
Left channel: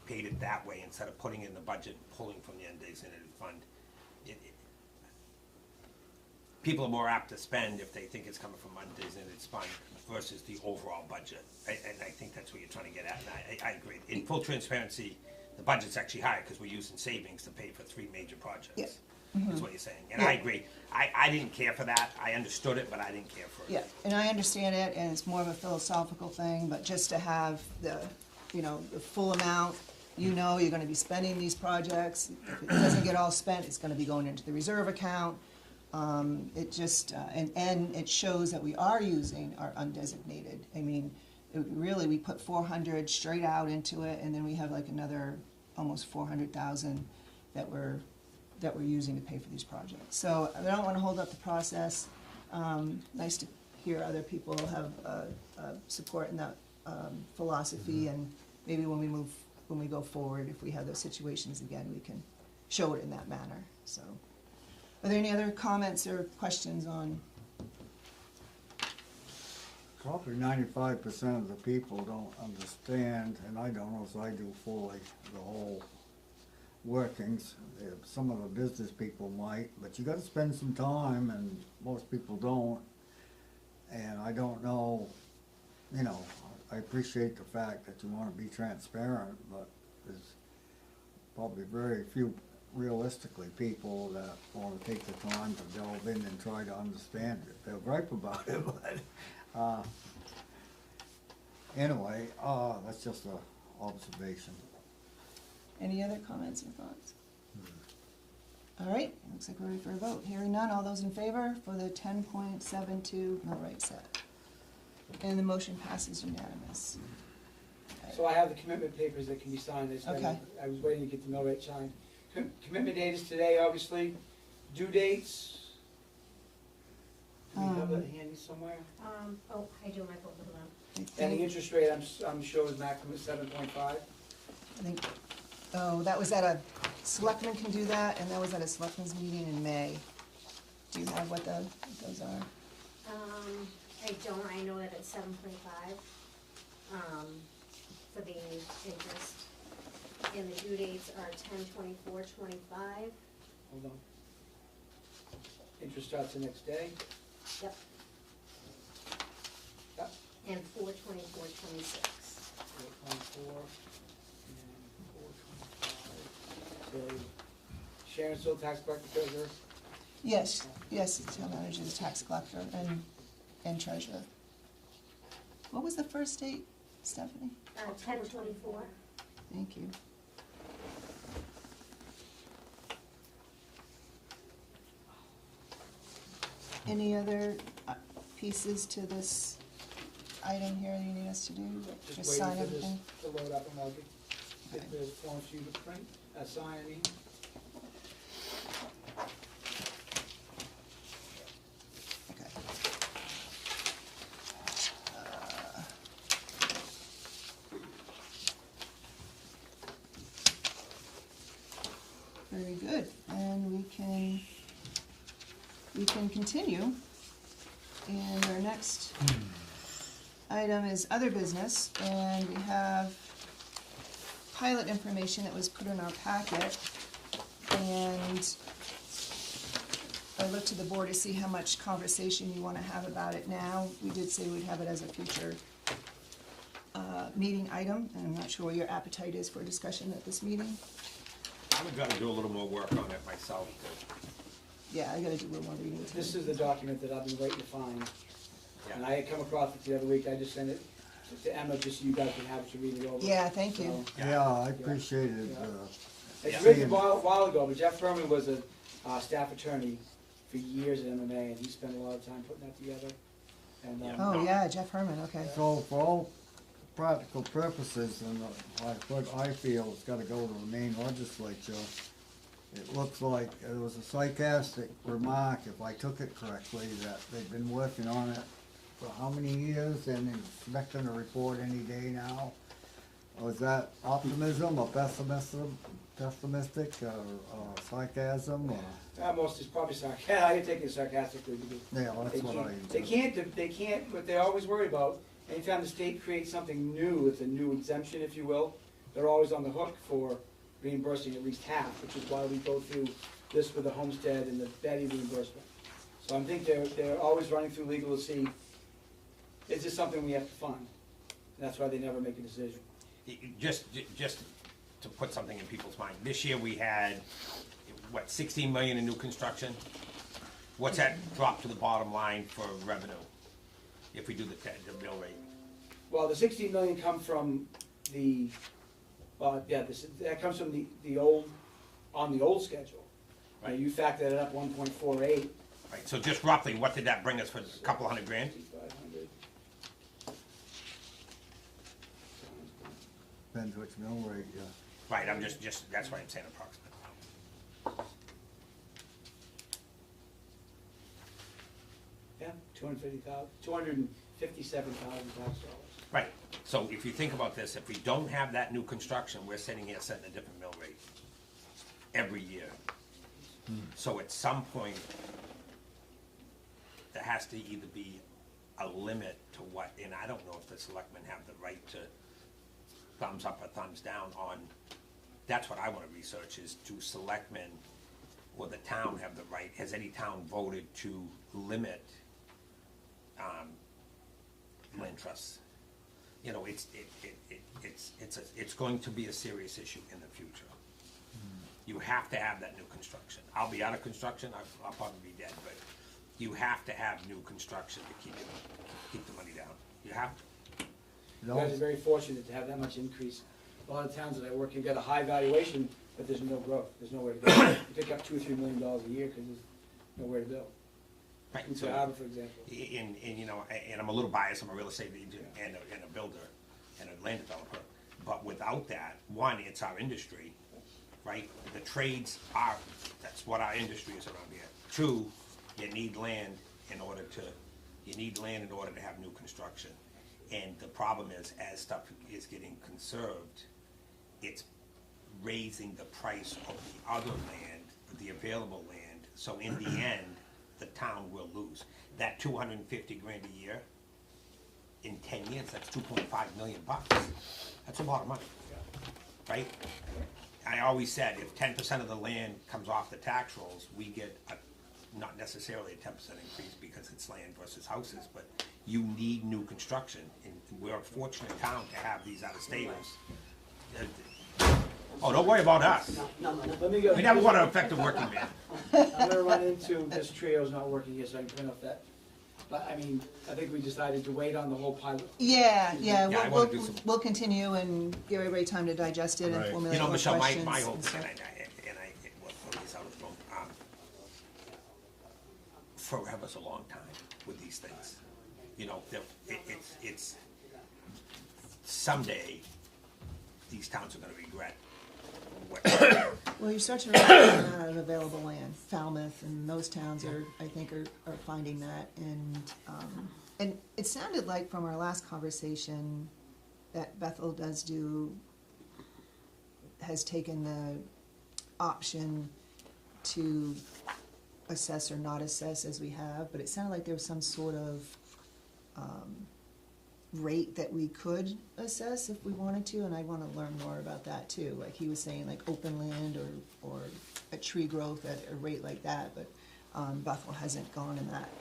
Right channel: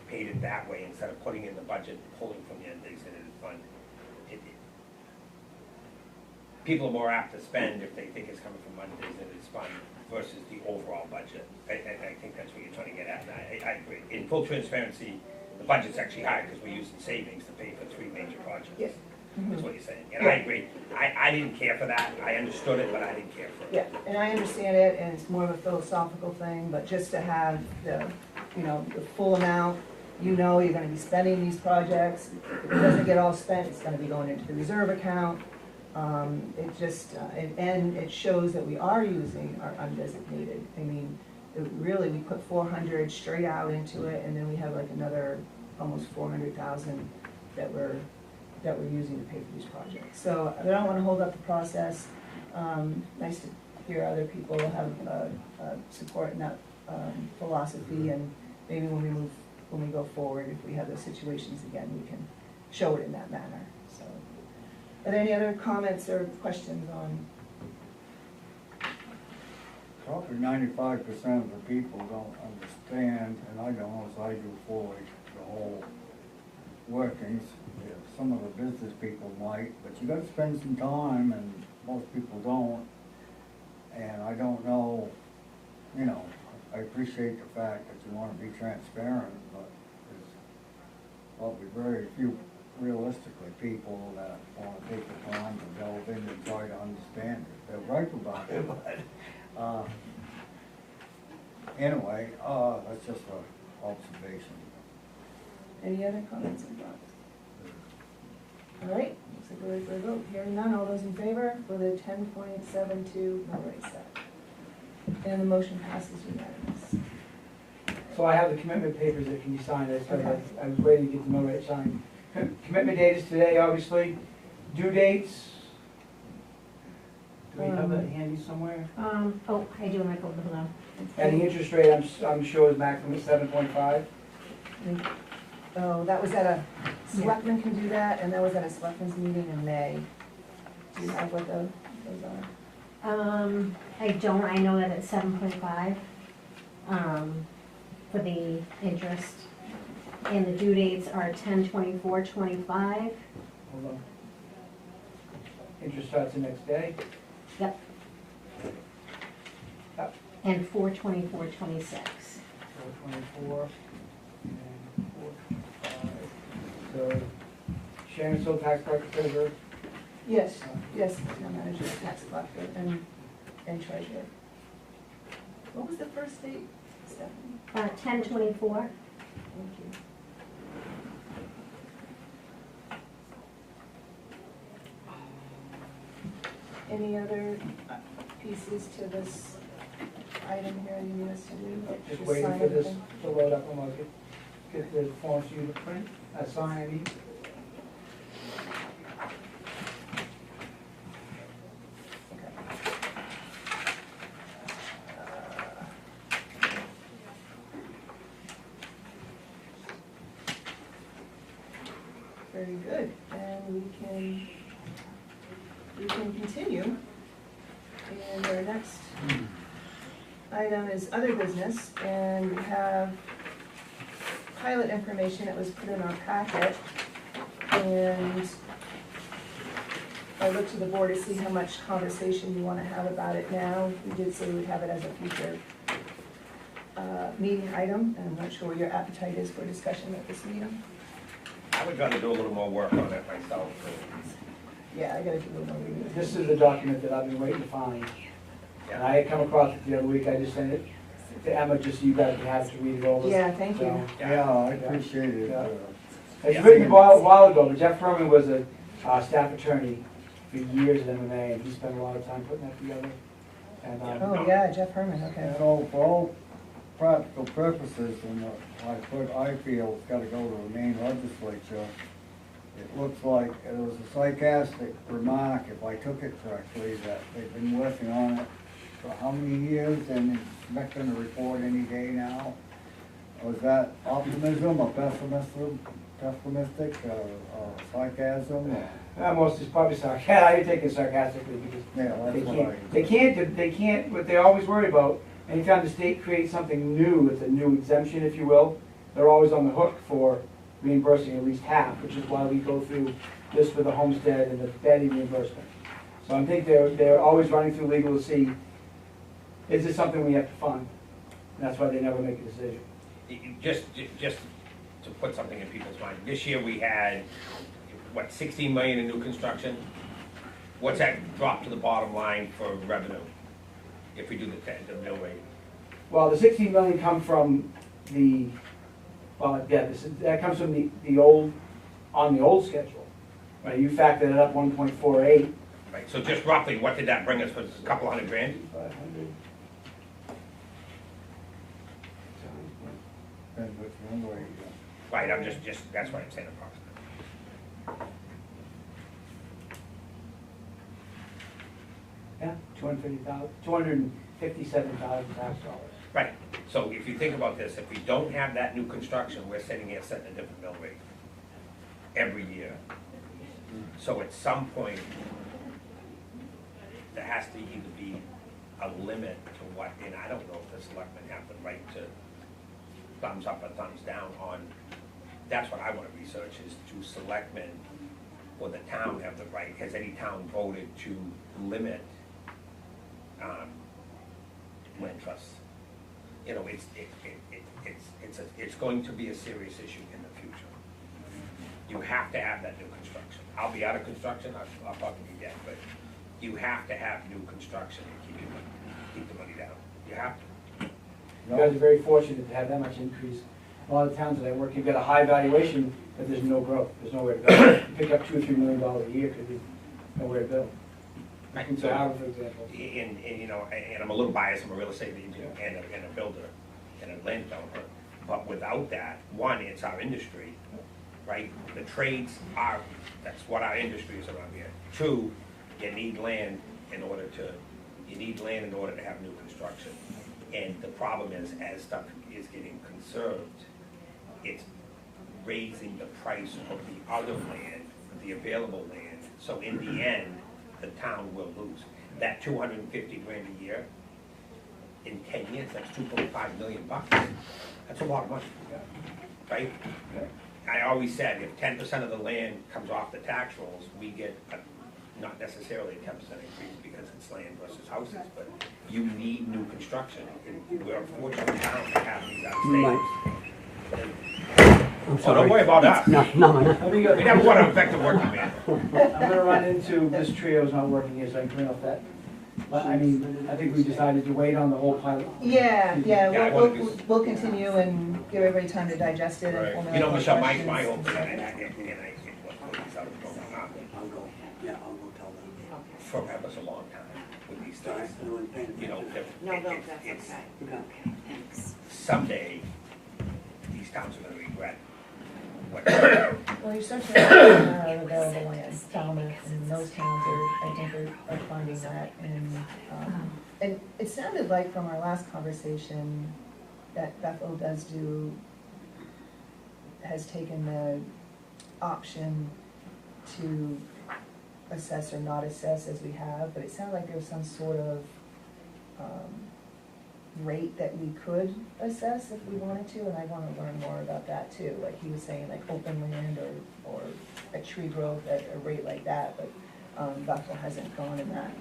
paid it that way instead of putting it in the budget, pulling from the undesignated fund. People are more apt to spend if they think it's coming from undesignated fund versus the overall budget. I think that's what you're trying to get at, and I agree. In full transparency, the budget's actually higher because we're using savings to pay for 3 major projects. Yeah. That's what you're saying, and I agree. I didn't care for that. I understood it, but I didn't care for it. Yeah, and I understand it, and it's more of a philosophical thing, but just to have the, the full amount, you're gonna be spending these projects. If it doesn't get all spent, it's gonna be going into the reserve account. It just, and it shows that we are using our undesignated. I mean, really, we put 400 straight out into it, and then we have like another almost 400,000 that we're using to pay for these projects. So I don't wanna hold up the process. Nice to hear other people have support in that philosophy, and maybe when we go forward, if we have those situations again, we can show it in that manner. So, are there any other comments or questions on? Probably 95% of the people don't understand, and I don't, as I do fully, the whole workings. Some of the business people might, but you gotta spend some time, and most people don't. And I don't know, I appreciate the fact that you wanna be transparent, but there's probably very few, realistically, people that wanna take the time to delve in and try to understand it. They'll gripe about it, but, anyway, that's just an observation. Any other comments and thoughts? All right, looks like we're ready for a vote. Hearing none, all those in favor for the 10.72 mill rate set? And the motion passes unanimous. So I have the commitment papers that can be signed. Okay. I was waiting to get the mill rate signed. Commitment date is today, obviously. Due dates? Do we have that handy somewhere? Oh, I do in my folder, hold on. And the interest rate, I'm sure is maximum 7.5. Oh, that was at a, selectmen can do that, and that was at a selectmen's meeting in May. Do you have what those are? I don't, I know that it's 7.5, for the interest. And the due dates are 10/24/25, Hold on. Interest starts the next day. yep. Yep. And 4/24/26. 424 and 425. So Sharon still tax collector treasurer? Yes, town manager's tax collector and treasurer. What was the first date, Stephanie? 10/24. Thank you. Any other pieces to this item here you need us to do? Just waiting sign for this everything? to load up and I'll get the forms for you to print, sign, I mean. Okay. Very good, and we can continue. And our next item is other business, and we have pilot information that was put in our packet. And I looked to the board to see how much conversation you wanna have about it now. We did say we'd have it as a future meeting item, and I'm not sure what your appetite is for discussion at this meeting. I would try to do a little more work on it myself. Yeah, I gotta do a little more reading. This is the document that I've been waiting to find, and I had come across it the other week, I just sent it to Emma, just so you guys can have it to read it over. Yeah, thank you. Yeah, I appreciate it. Yeah. It's written a while ago, but Jeff Herman was a staff attorney for years at MMA, and he spent a lot of time putting that together. And, Oh, yeah, Jeff Herman, okay. So for all practical purposes, and I feel it's gotta go to the main legislature, it looks like it was a sarcastic remark, if I took it correctly, that they've been working on it for how many years, and it's not gonna report any day now? Was that optimism or pessimistic, or sarcasm, or? most is probably sarcastic, I take it sarcastically, because Yeah, that's what they can't, what they always worry about, anytime the state creates something new, it's a new exemption, if you will, they're always on the hook for reimbursing at least half, which is why we go through this with the homestead and the bedding reimbursement. So I think they're always running through legal to see, is this something we have to fund? And that's why they never make a decision. Just to put something in people's mind, this year we had, what, 16 million in new construction? What's that drop to the bottom line for revenue, if we do the mill rate? Well, the 16 million come from the, that comes from the old, on the old schedule. Right, you factored it up 1.48. Right, so just roughly, what did that bring us for, a couple $100,000? 500. Depends which number you Right, I'm just, that's why I'm saying approximate. Yeah, 257,000 tax dollars. Right, so if you think about this, if we don't have that new construction, we're sitting here setting a different mill rate every year. So at some point, there has to either be a limit to what, and I don't know if the selectmen have the right to thumbs up or thumbs down on, that's what I wanna research, is do selectmen, will the town have the right, has any town voted to limit land trusts? You know, it's going to be a serious issue in the future. You have to have that new construction. I'll be out of construction, I'll probably be dead, but you have to have new construction to keep the money down. You have to. You guys are very fortunate to have that much increase. A lot of towns that I work, you've got a high valuation, but there's no growth, there's nowhere to go. You pick up $2 or $3 million a year because there's nowhere to go. Right. In Harvard, for example. And you know, and I'm a little biased, I'm a real estate agent and a builder and a land developer, but without that, one, it's our industry, right? The trades are, that's what our industry is around here. Two, you need land in order to have new construction. And the problem is, as stuff is getting conserved, it's raising the price of the other land, the available land. So in the end, the town will lose. That $250,000 a year, in 10 years, that's $2.5 million. That's a lot of money, right? I always said, if 10% of the land comes off the tax rolls, we get not necessarily a 10% increase because it's land versus houses, but you need new construction. And we're a fortunate town to have these out of state. Oh, don't worry about us. No. Let me go. We never want to affect the working man. I'm gonna run into, this trio's not working here, so I can turn off that. But I mean, I think we decided to wait on the whole pilot. Yeah, Yeah, we'll continue and give everybody time to digest it and Right. formulate You know, more Michelle, my questions. whole thing, and I I'll go, yeah, I'll go tell them. forever's a long time with these things. You know, No, it's, that's okay. someday, these towns are gonna regret what. Well, you're starting to run out of available land, Falmouth and those towns are, I think, are funding that. And it sounded like from our last conversation that Bethel has taken the option to assess or not assess as we have, but it sounded like there was some sort of rate that we could assess if we wanted to, and I wanna learn more about that too. Like he was saying, like open land or a tree growth at a rate like that, but Bethel hasn't gone in that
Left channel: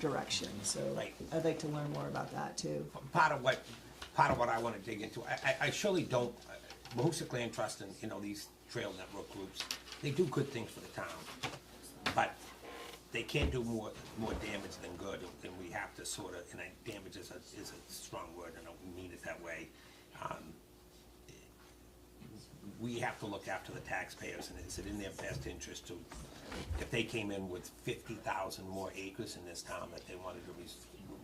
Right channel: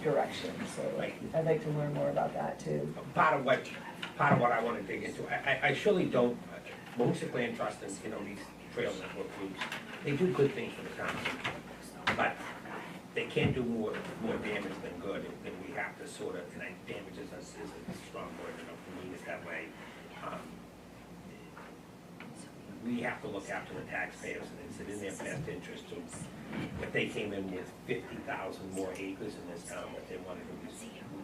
direction, so Right. I'd like to learn more about that too. Part of what I wanna dig into, I surely don't, Moosic Land Trust and, you know, these trail network groups, they do good things for the town. But they can do more damage than good, and we have to sort of, and damage is a strong word, I don't mean it that way. We have to look after the taxpayers, and it's in their best interest to, if they came in with 50,000 more acres in this town that they wanted to,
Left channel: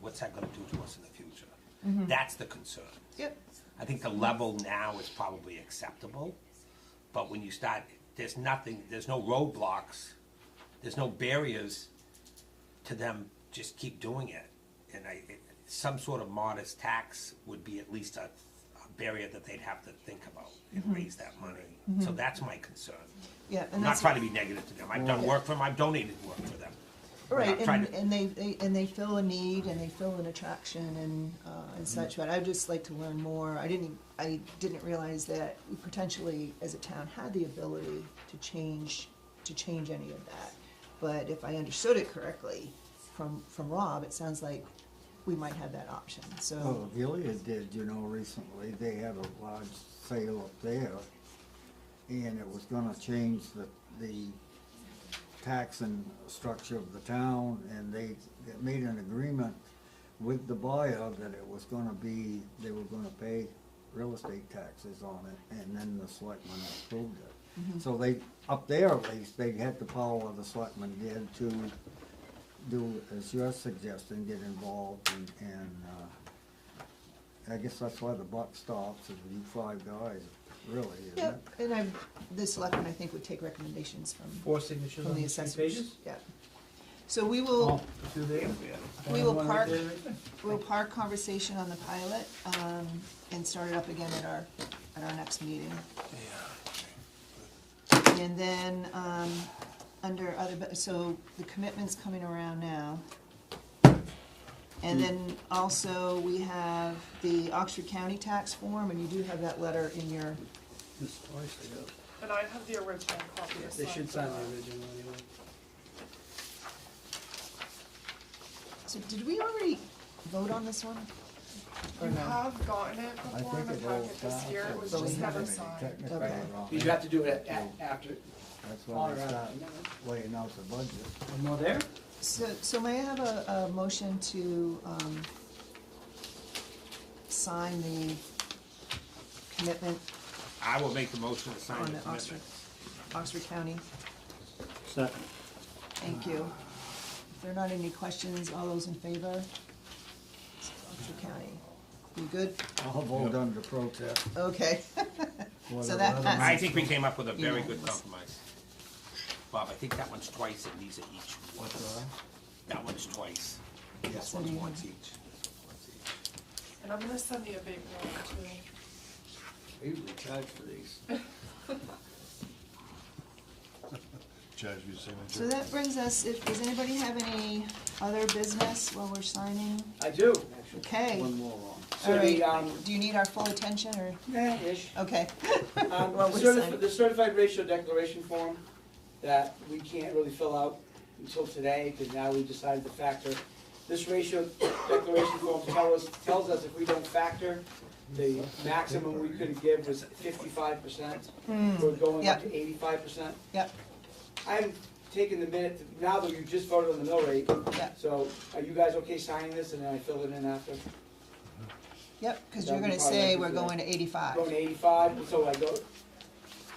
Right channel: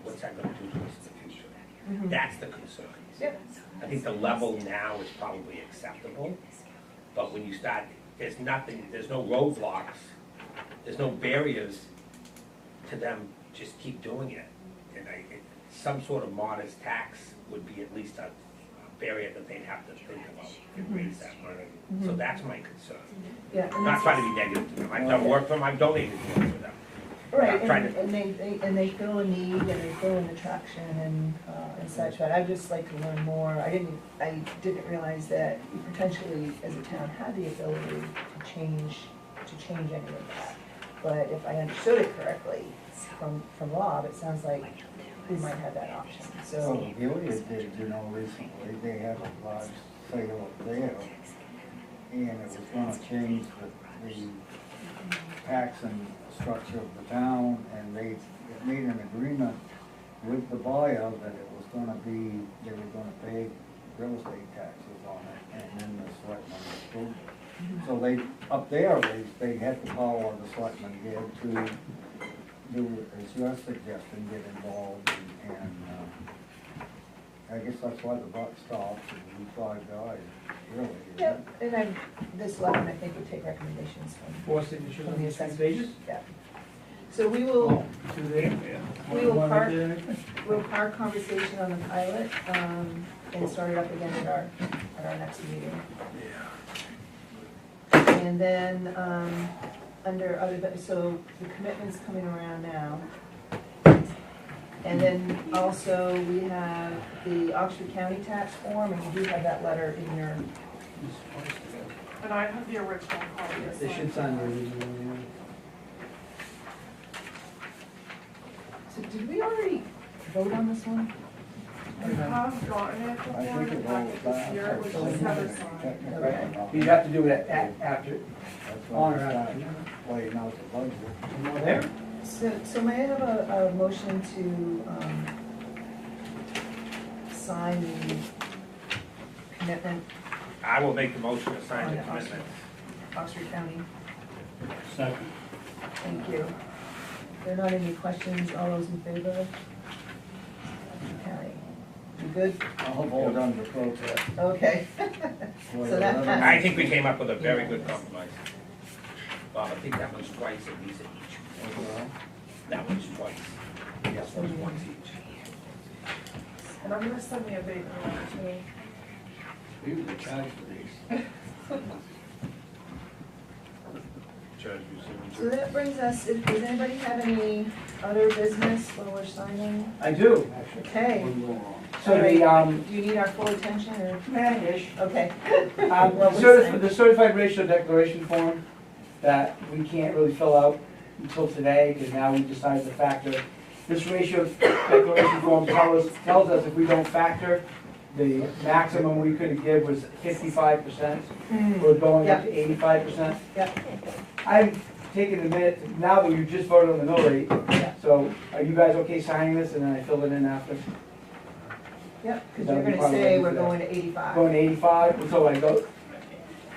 what's that gonna do to us in the future? Mhm. That's the concern. Yep. I think the level now is probably acceptable, but when you start, there's no roadblocks, there's no barriers to them just keep doing it. And some sort of modest tax would be at least a barrier that they'd have to think about and raise that money. So that's my concern. Yeah, and I'm not that's, trying to be negative to them, I've done work for them, I've donated work for them. right, I'm trying and they feel a need and they feel an attraction and such, but I'd just like to learn more. I didn't realize that we potentially, as a town, had the ability to change any of that. But if I understood it correctly from Rob, it sounds like we might have that option, Well, so. Gilead did, you know, recently, they had a large sale up there, and it was gonna change the tax and structure of the town, and they made an agreement with the buyer that it was gonna be, they were gonna pay real estate taxes on it, and then the selectmen approved it. So they, up there, they had the power, the selectmen did, to do, as you're suggesting, get involved, and I guess that's why the buck stops, and you 5 guys, really. isn't Yep, it? and this selectmen, I think, would take recommendations from 4 signatures from on the these assessors. pages? Yeah. So we will, Do they? we will One right park, there. we'll park conversation on the pilot, and start it up again at our next meeting. And then, under other, so the commitment's coming around now. And then also, we have the Oxford County tax form, and you do have that letter in your, And I have the original copy. to They should sign the original. so did we already vote on this one? You have gotten it I before, think the it packet was here, it was just never signed. Technically, You have to do it after. That's on when or we start after. laying out the budget. You know there? So may I have a motion to, sign the commitment I will make the motion to sign on the the Oxford, commitment. Oxford County? Second. Thank you. If there are not any questions, all those in favor? Oxford County. You good? I'll vote on the protest. Okay. So that I passes. think we came up with a very good compromise. Bob, I think that one's twice and these are each. That one's twice. This one's once each. And I'm gonna send me a big one too. We usually charge for these. So that brings us, does anybody have any other business while we're signing? I do, actually. Okay. So the, Do you need our full attention or? ish. Okay. Well, we're The certified ratio declaration form that we can't really fill out until today, because now we decided to factor. This ratio declaration form tells us if we don't factor, the maximum we could give was 55%. We're going up to 85%. Yep. I've taken a minute, now that we've just voted on the mill rate, Yep. so are you guys okay signing this, and then I fill it in after? Yep, because you're gonna say we're going to 85. Going to 85, so I go,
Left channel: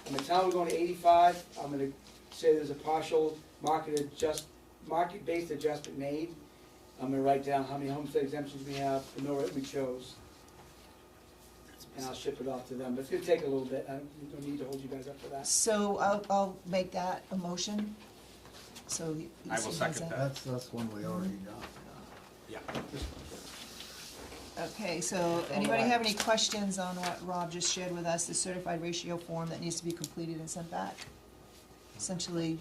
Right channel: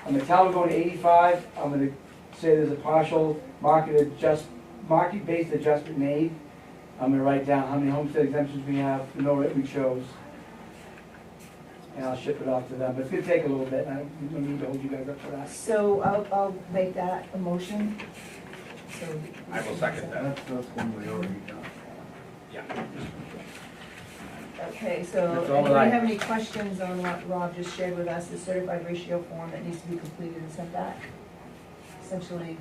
I'm gonna tell them going to 85, I'm gonna say there's a partial market-based adjustment made. I'm gonna write down how many homestead exemptions we have, the mill rate we chose. And I'll ship it off to them, but it's gonna take a little bit, and I don't need to hold you guys up for that. So I'll make that a motion. So. I will second that. That's this one we already got. Yeah. Okay, so That's all anybody right. have any questions on what Rob just shared with us, the certified ratio form that needs to be completed and sent back? Essentially,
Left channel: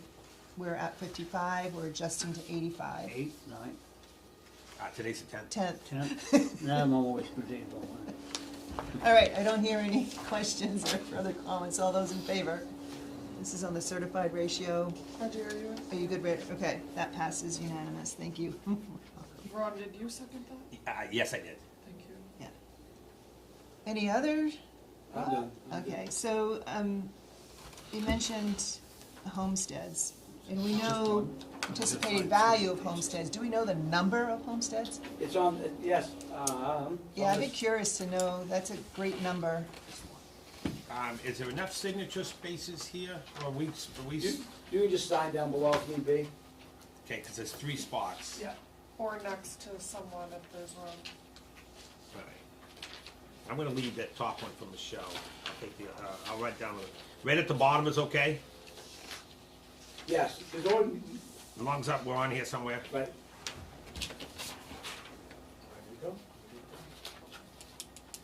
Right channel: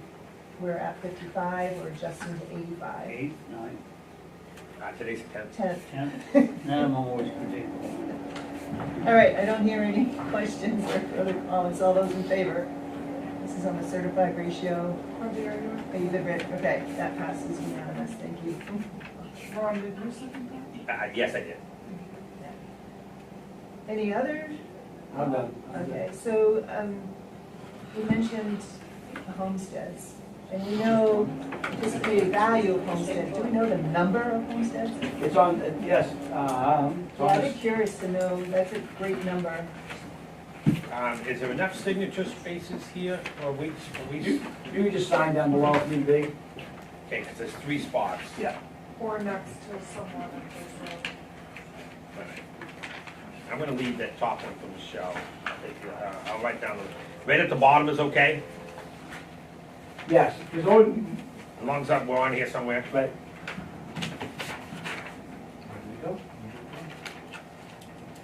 we're at 55, we're adjusting to 85. 8, 9, Today's the 10th. 10. 10. Now I'm always good. All right, I don't hear any questions or further comments, all those in favor? This is on the certified ratio. Ron, did Are you good, Rick? Okay, that passes unanimous, thank you. Ron, did you second that? Yes, I did. Any others? I'm done. Okay, so, you mentioned homesteads, and we know anticipated value of homesteads. Do we know the number of homesteads? It's on, yes, Yeah, I'd be curious to know, that's a great number. Is there enough signature spaces here for weeks, you can just sign down below if need be. Okay, because there's 3 spots. Yeah. Or next to someone if there's room. I'm gonna leave that top one for Michelle. I'll write down, right at the bottom is okay? Yes, there's only, As long as we're on here somewhere. right.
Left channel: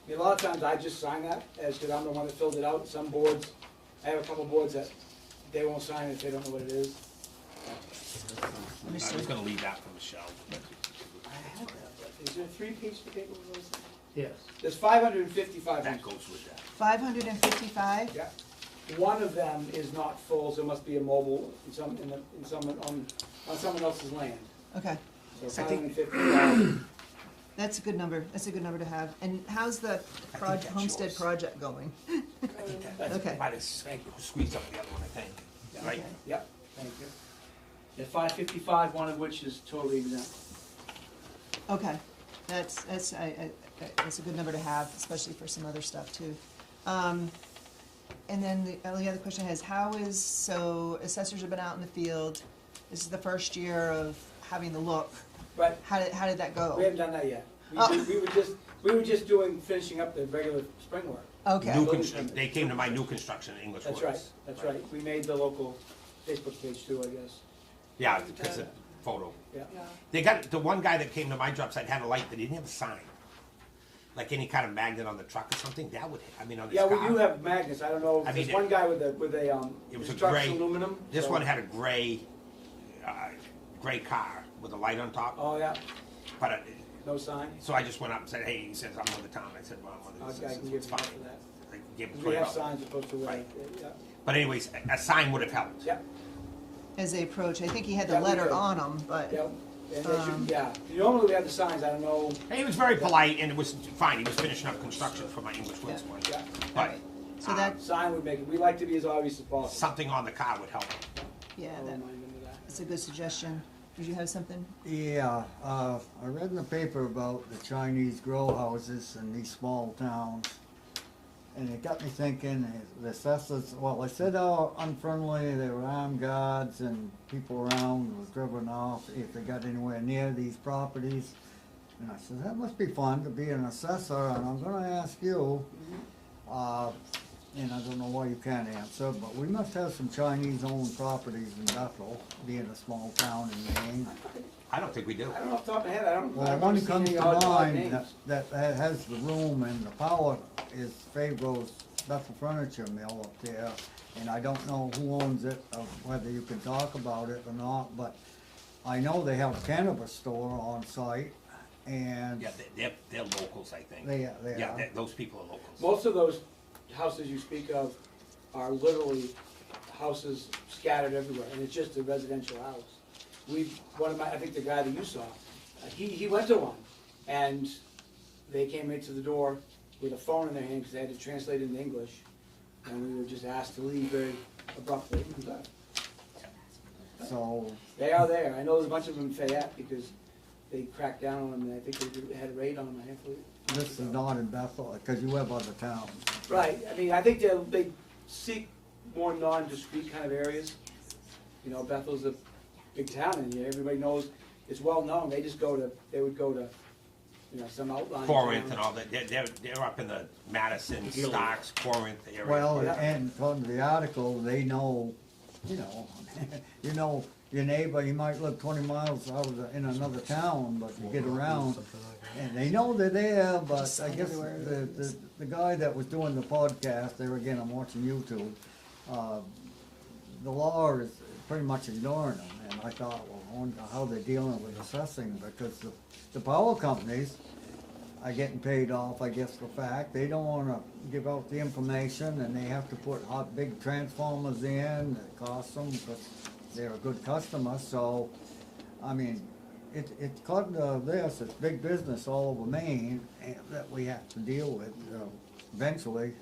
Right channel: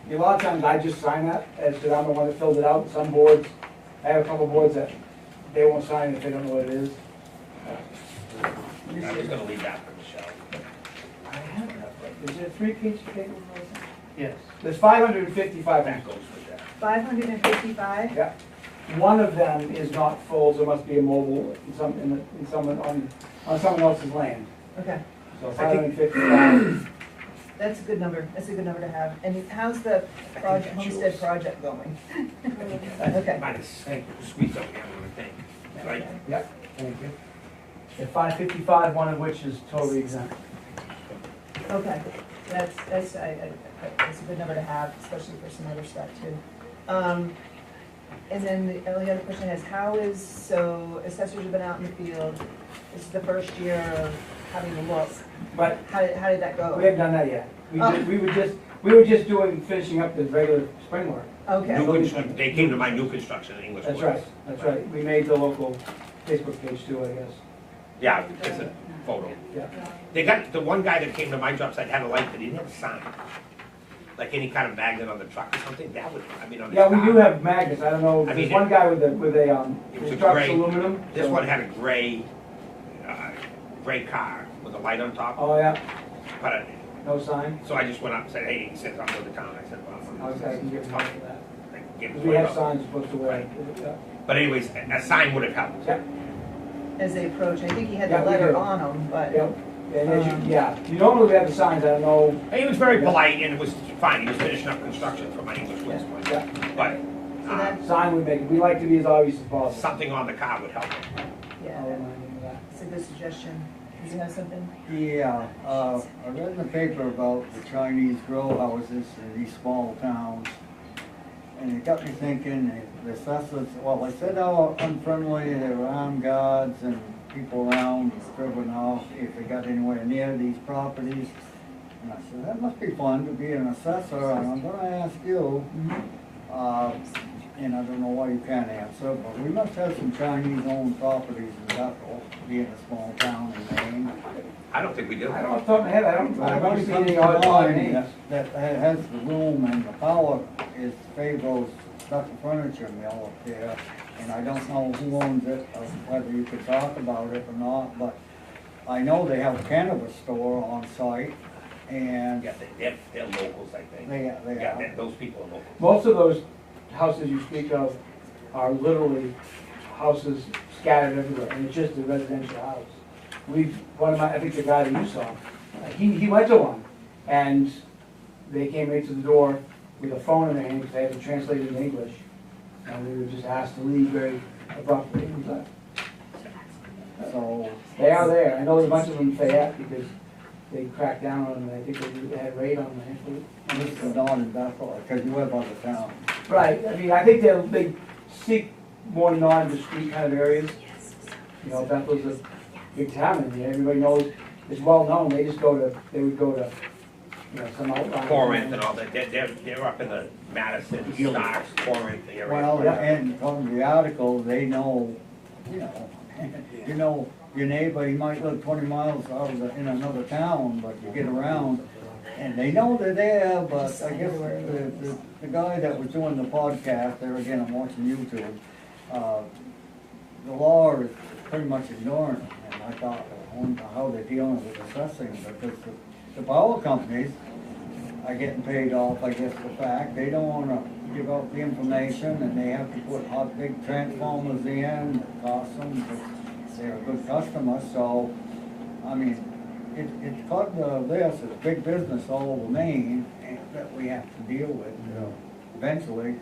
A lot of times I just sign that, as because I'm the one that filled it out. Some boards, I have a couple boards that they won't sign if they don't know what it is. I'm just gonna leave that for Michelle. I have that, but is it a 3-page paper or something? Yes. There's 555. That goes with that. 555? Yeah. One of them is not full, so it must be a mobile on someone else's land. Okay, So 555. that's a good number, that's a good number to have. And how's the project, homestead project going? Okay. I just squeeze up the other one, I think, right? Yeah, thank you. Yeah, 555, one of which is totally exempt. Okay, that's a good number to have, especially for some other stuff too. And then the only other question is, so assessors have been out in the field, this is the first year of having a look. But How did that go? we haven't done that yet. Oh. We were just finishing up the regular spring work. Okay, They came to my new construction in English. That's Woods. right, that's right. We made the local Facebook page too, I guess. Yeah, it's a photo. Yeah. They got, the one guy that came to my job site had a light, but he didn't have a sign. Like any kind of magnet on the truck or something, that would, I mean, on the Yeah, we car. do have magnets. I don't know, I there's mean, one guy with it was the a truck's gray- aluminum. This so- one had a gray car with a light on top, Oh, yeah, but, no sign. so I just went up and said, hey, he said, I'm to the town, I said, well, Okay, I can give it's you coming. that. I gave him We have $20. signs you're supposed to wear. Yeah. But anyways, a sign would have helped. Yeah, as they approach, I think he had the Yeah, we letter did. on them, but, yeah. And as you, yeah, normally we have the signs, I don't know. And he was very polite, and it was fine, he was finishing up construction for my English Woods place. Yeah, But, so that, sign we make, we like to be as obvious as possible. something on the car would help. yeah, I'll remind him of that. that's a good suggestion. Did you have something? Yeah, I read in the paper about the Chinese grow houses in these small towns. And it got me thinking, the assessors, well, they said how unfriendly, there were armed guards and people around driven off if they got anywhere near these properties. And I said, that must be fun to be an assessor, and I'm gonna ask you, and I don't know why you can't answer, but we must have some Chinese-owned properties in Bethel, being a small town in Maine. I don't think we do. I don't, off the top of my head, I don't But remember it seeing comes any to odd mind names. that has the room and the power is Fabro's Stuff and Furniture Mill up there. And I don't know who owns it, or whether you could talk about it or not, but I know they have a cannabis store on site, and Yeah, they're locals, I think. they Yeah, are. those people are locals. Most of those houses you speak of are literally houses scattered everywhere, and it's just a residential house. I think the guy that you saw, he went to one, and they came right to the door with a phone in their hand, because they had to translate it in English, and we were just asked to leave very abruptly, and we left. So, They are there. I know there's a bunch of them in Fayette, because they cracked down on them, and I think they had a raid on them, actually. this is not in Bethel, because you live on the town. Right, I mean, I think they seek more non-discrete kind of areas. You know, Bethel's a big town in there, everybody knows, it's well-known, they would go to, you know, some outlying. Corinth and all that, they're up in the Madison, Starks, Corinth area. Well, Yeah. and from the article, they know, you know, your neighbor, he might live 20 miles out of in another town, but you get around, and they know they're there, but I guess the guy that was doing the podcast, there again, I'm watching YouTube, the law is pretty much ignoring them, and I thought, I wonder how they're dealing with assessing, because the power companies are getting paid off, I guess, the fact, they don't wanna give out the information, and they have to put up big transformers in, it costs them, because they're a good customer, so, I mean, it's got this, it's big business all over Maine, and that we have to deal with, eventually.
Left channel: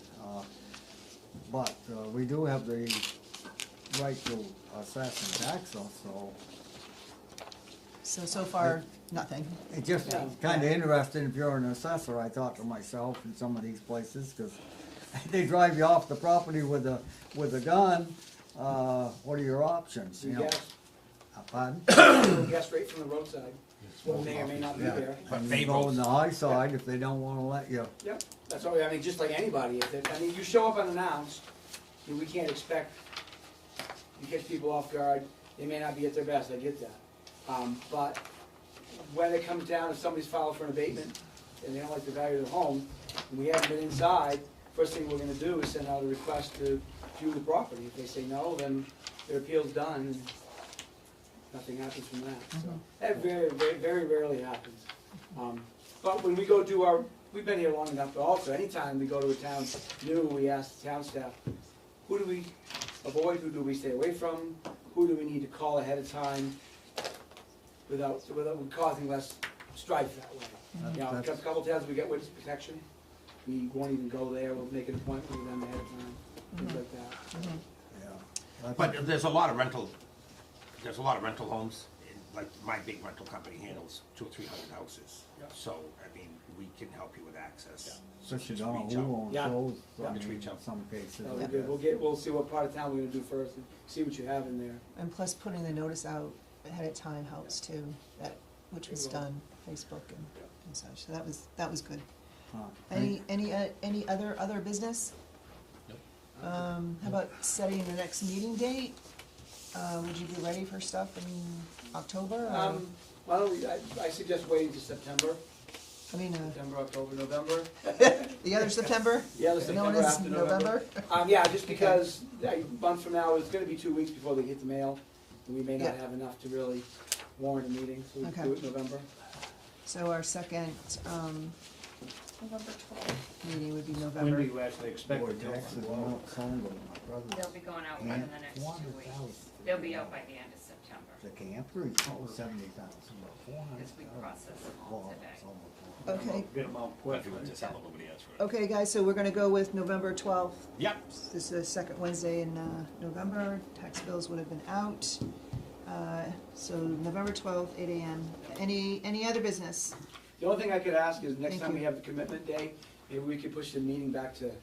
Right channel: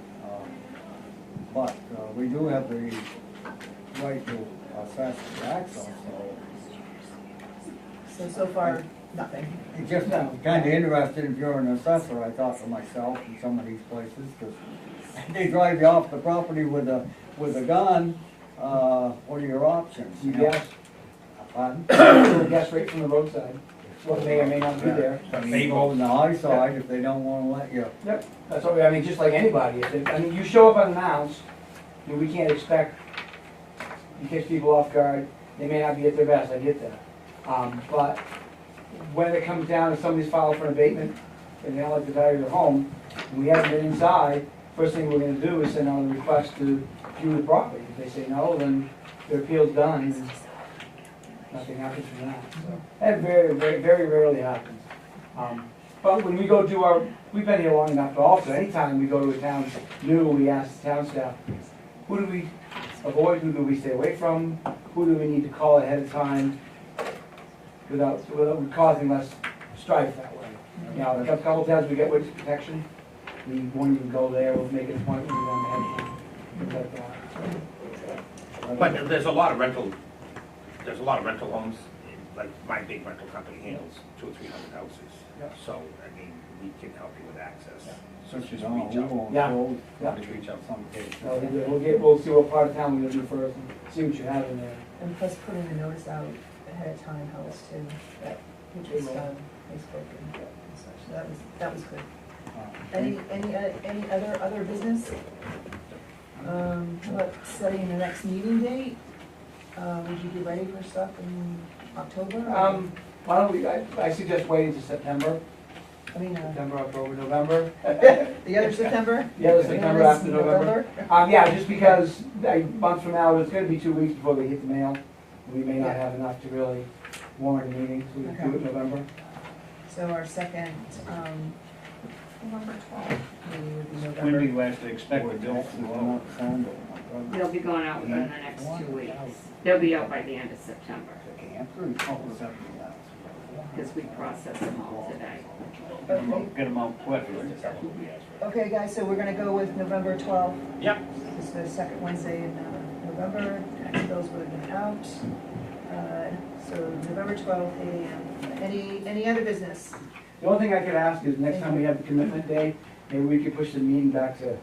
But we do have the right to assess the tax, So far, nothing. it's just kinda interesting if you're an assessor, I thought to myself, in some of these places, because they drive you off the property with a gun, what are your options? You know? guess, Pardon? little guess rate from the roadside, what may or may not be there. I mean, you go on the high side if they don't wanna let you. Yep, that's what, I mean, just like anybody, I mean, you show up unannounced, we can't expect, you catch people off guard, they may not be at their best, I get that. But when it comes down to somebody's filed for an abatement, and they don't like the value of their home, and we haven't been inside, first thing we're gonna do is send out a request to view the property. If they say no, then their appeal's done, and nothing happens from that, so. That very rarely happens. But when we go do we've been here long enough, but also anytime we go to a town new, we ask the town staff, who do we avoid, who do we stay away from, who do we need to call ahead of time without causing less strife that way. You know, a couple times we get witness protection, we won't even go there, we'll make an appointment with them ahead of time, things like that. But there's a lot of rental homes, like my big rental company handles 200 or 300 houses. Yep. So, I mean, we can help you with access. So Just just on reach out. Yeah. Just reach out. Some cases. We'll see what part of town we're gonna do first, and see what you have in there. And plus putting the notice out ahead of time helps too, which was done, Facebook and such, so that was good. Any other business? How about setting the next meeting date? Would you be ready for stuff in October? or- Why don't we, I suggest waiting to September, October, November. The other September? Yeah, the You know, September this after November. Yeah, just because, months from now, it's gonna be 2 weeks before they hit the mail. We may not Yeah. have enough to really warrant a meeting, so we can do it in November. So our second, November 12th meeting would be When do November. you actually expect it to go? They'll be going out within the next 2 weeks. They'll be out by the end of September, because we processed them all today. Okay, Get them out quick. okay, guys, so we're gonna go with November 12th. Yep. This is the second Wednesday in November. Tax bills would have been out. So November 12th, 8 AM. Any other business? The only thing I could ask is next time we have the commitment day, maybe we could push the meeting back to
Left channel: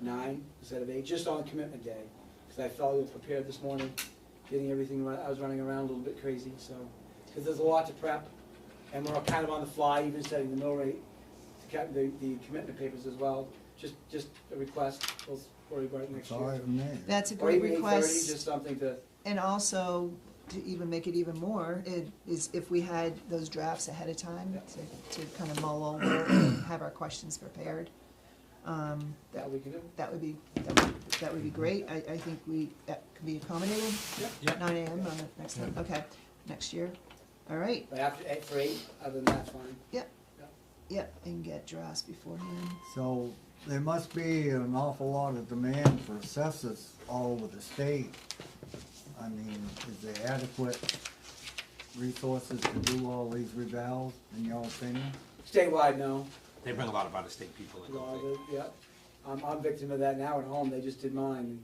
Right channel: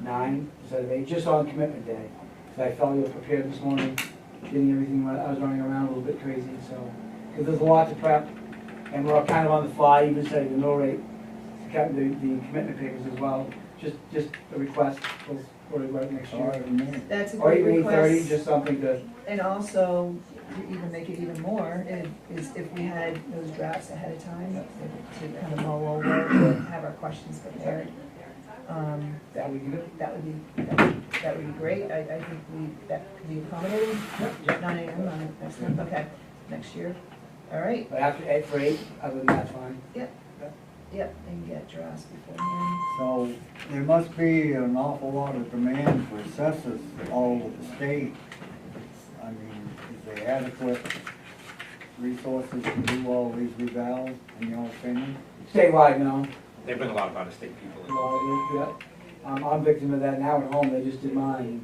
9 instead of 8, just on commitment day. Because I felt you were prepared this morning, getting everything, I was running around a little bit crazy, so. Because there's a lot to prep, and we're kind of on the fly, even setting the mill rate, to cut the commitment papers as well. Just a request, we'll right next year. That's a Or great even 8:30, request. just something to, And also, to even make it even more, is if we had those drafts ahead of time to kind of mull over, to have our questions prepared. that we could, That would be great. I think that could be accommodated. 9 AM on next time, okay, next year. All right, but after 8 for 8, other than that, fine. yep, and get drafts beforehand. So there must be an awful lot of demand for assessors all over the state. I mean, is there adequate resources to do all these revals, in your opinion? Statewide, no. There've been a lot of out-of-state people. Yeah. I'm victim of that now at home, they just did mine.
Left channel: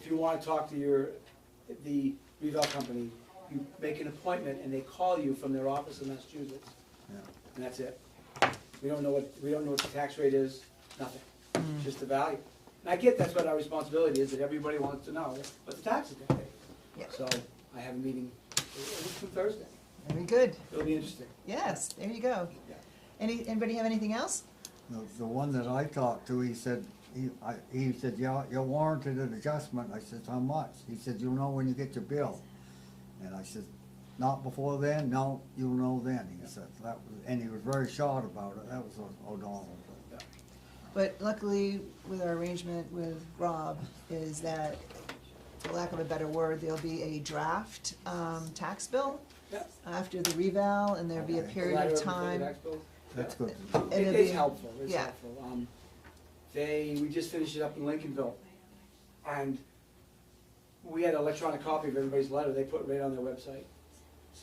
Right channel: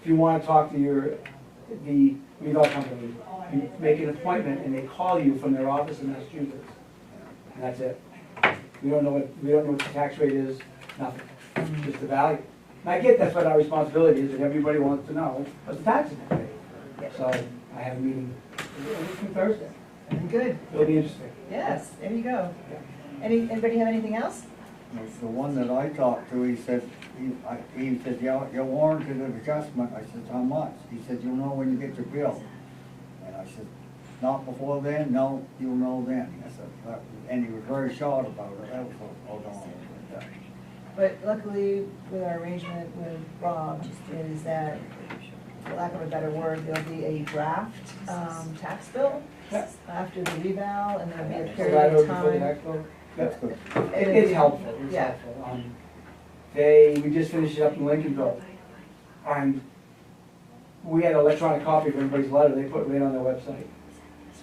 If you wanna talk to the revale company, you make an appointment and they call you from their office in Massachusetts. And that's it. We don't know what the tax rate is, nothing, just the value. And I get that's what our responsibility is, and everybody wants to know what the taxes are paid. So I have a meeting Thursday, Very good, it'll be interesting. yes, there you go. Anybody have anything else? The one that I talked to, he said, you're warranted an adjustment. I said, how much? He said, you'll know when you get your bill. And I said, not before then? No, you'll know then. He said, and he was very short about it. That was hold on. But luckily, with our arrangement with Rob, is that, for lack of a better word, there'll be a draft tax bill Yeah. after the reval, and there'll be a Right period of over before the time. tax bill. That's good. It's helpful, it's Yeah. helpful. we just finished it up in Lincolnville. And we had an electronic copy of everybody's letter, they put it right on their website.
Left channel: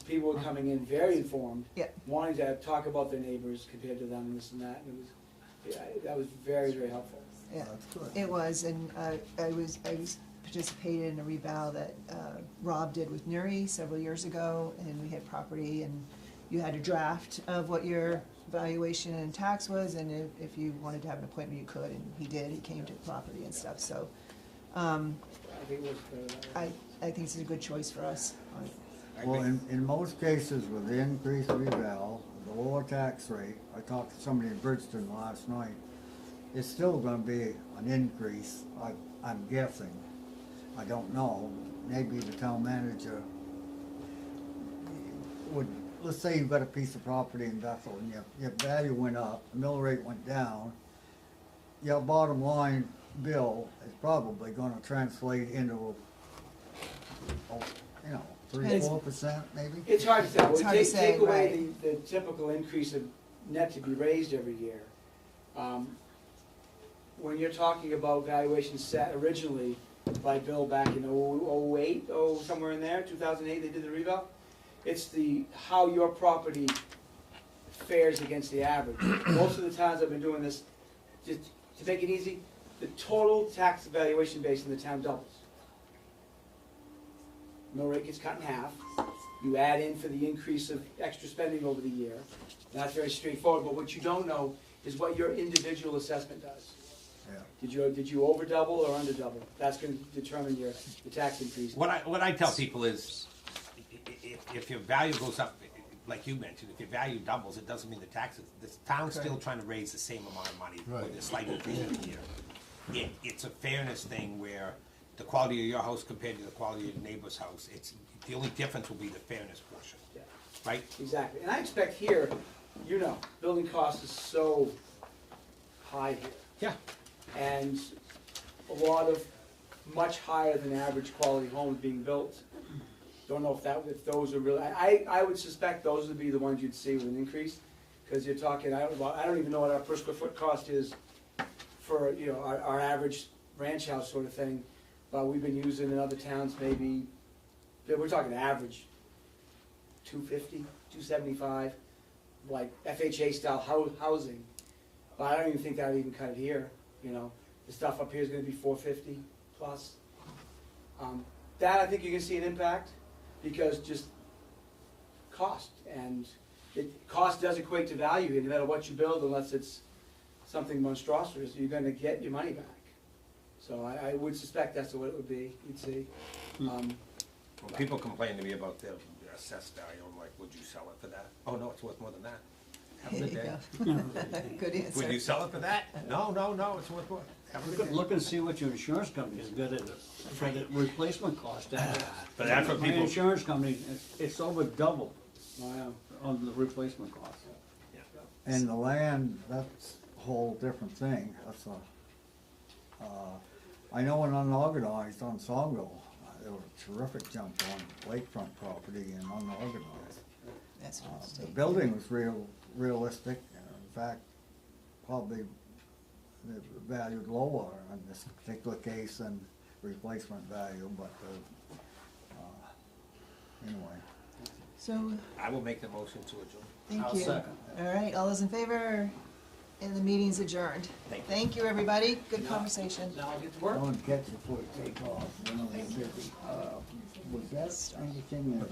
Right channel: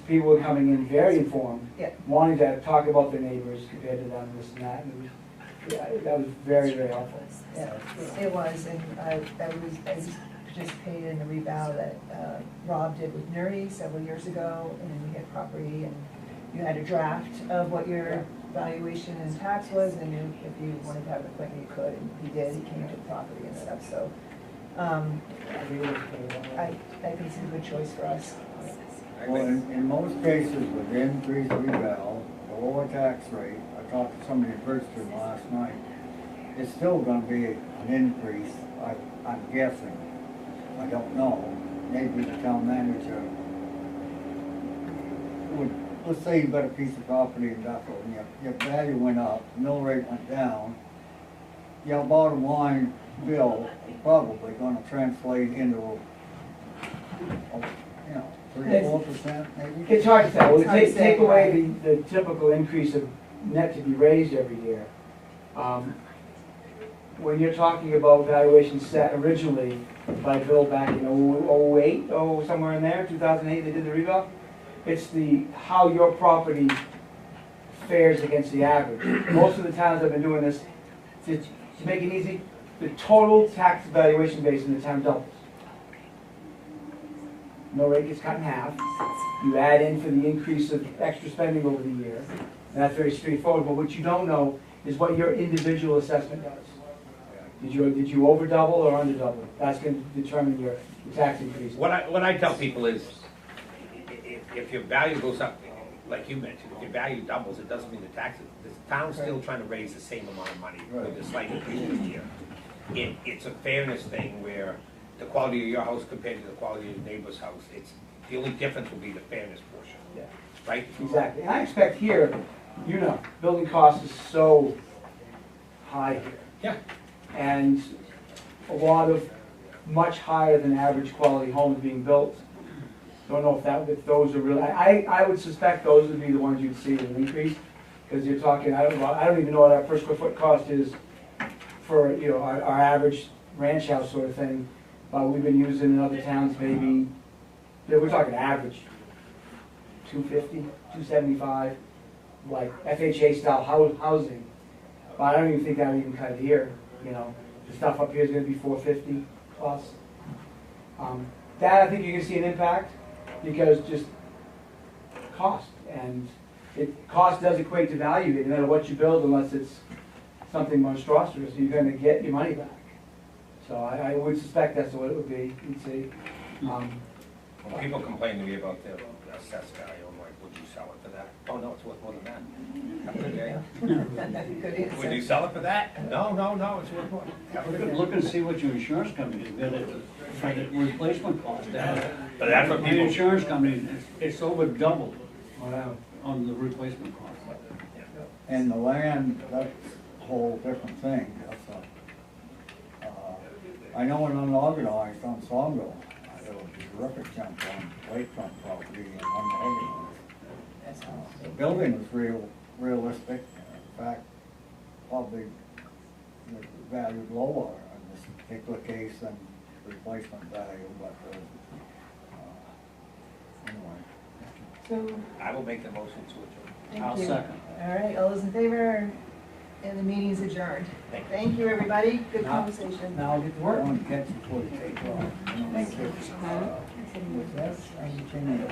People were coming in very informed, Yeah. wanting to talk about their neighbors compared to them, this and that, and it was, yeah, that was very, very helpful. Yeah, it was, and I participated in a revow that Rob did with Nuri several years ago, and we had property, and you had a draft of what your valuation and tax was, and if you wanted to have an appointment, you could, and he did, he came to the property and stuff, so. I think it's a good choice for us. Well, in most cases with the increased revale, the lower tax rate, I talked to somebody in Bridgeton last night, it's still gonna be an increase, I'm guessing. I don't know, maybe the town manager would, let's say you got a piece of property in Bethel, and your value went up, mill rate went down, your bottom line bill is probably gonna translate into, you know, 3-4% maybe? It's hard to tell, It's hard to say, take away right. the typical increase of net to be raised every year. When you're talking about valuations set originally by Bill back in 2008, somewhere in there, 2008, they did the revale, it's how your property fares against the average. Most of the towns have been doing this, to make it easy, the total tax valuation base in the town doubles. Mill rate gets cut in half. You add in for the increase of extra spending over the year. And that's very straightforward, but what you don't know is what your individual assessment does. Did you over double or under double? That's going to determine the tax increase. What I tell people is, if your value goes up, like you mentioned, if your value doubles, it doesn't mean the taxes, the town's still trying to raise the same amount of money with a slight increase in a year. It's a fairness thing where the quality of your house compared to the quality of your neighbor's house, the only difference will be the fairness portion, Yeah, right? exactly. And I expect here, building cost is so high here. Yeah. And a lot of much higher than average quality homes being built. Don't know if those are really, I would suspect those would be the ones you'd see an increase, because you're talking, I don't even know what our per square foot cost is for, our average ranch house sort of thing. But we've been using in other towns maybe, we're talking average, $250, $275, like FHA style housing. But I don't even think that would even cut it here, the stuff up here is gonna be $450 plus. That I think you're gonna see an impact, because just cost, and cost does equate to value, no matter what you build, unless it's something monstrous, you're gonna get your money back. So I would suspect that's what it would be, you'd see. When people complain to me about their assessed value, I'm like, would you sell it for that? Oh, no, it's worth more than that. Have a good day. Good answer. Would you sell it for that? No, it's worth more. Have a good day. Look and see what your insurance company is gonna for the replacement cost. But that's what The people, insurance company, it's over double Wow. on the replacement cost. And the land, that's a whole different thing. I know an unorganized on Sawmill, there was a terrific jump on lakefront property and unorganized. That's The building was realistic, in fact, probably valued lower in this particular case than replacement value, but anyway. So, I will make the motion to adjourn. thank I'll you. second. All right, all those in favor? And the meeting's adjourned. Thank you. Thank you, everybody. Good Now- conversation. Now I'll get to I work. want to catch before you take off. Thank you. Was that anything that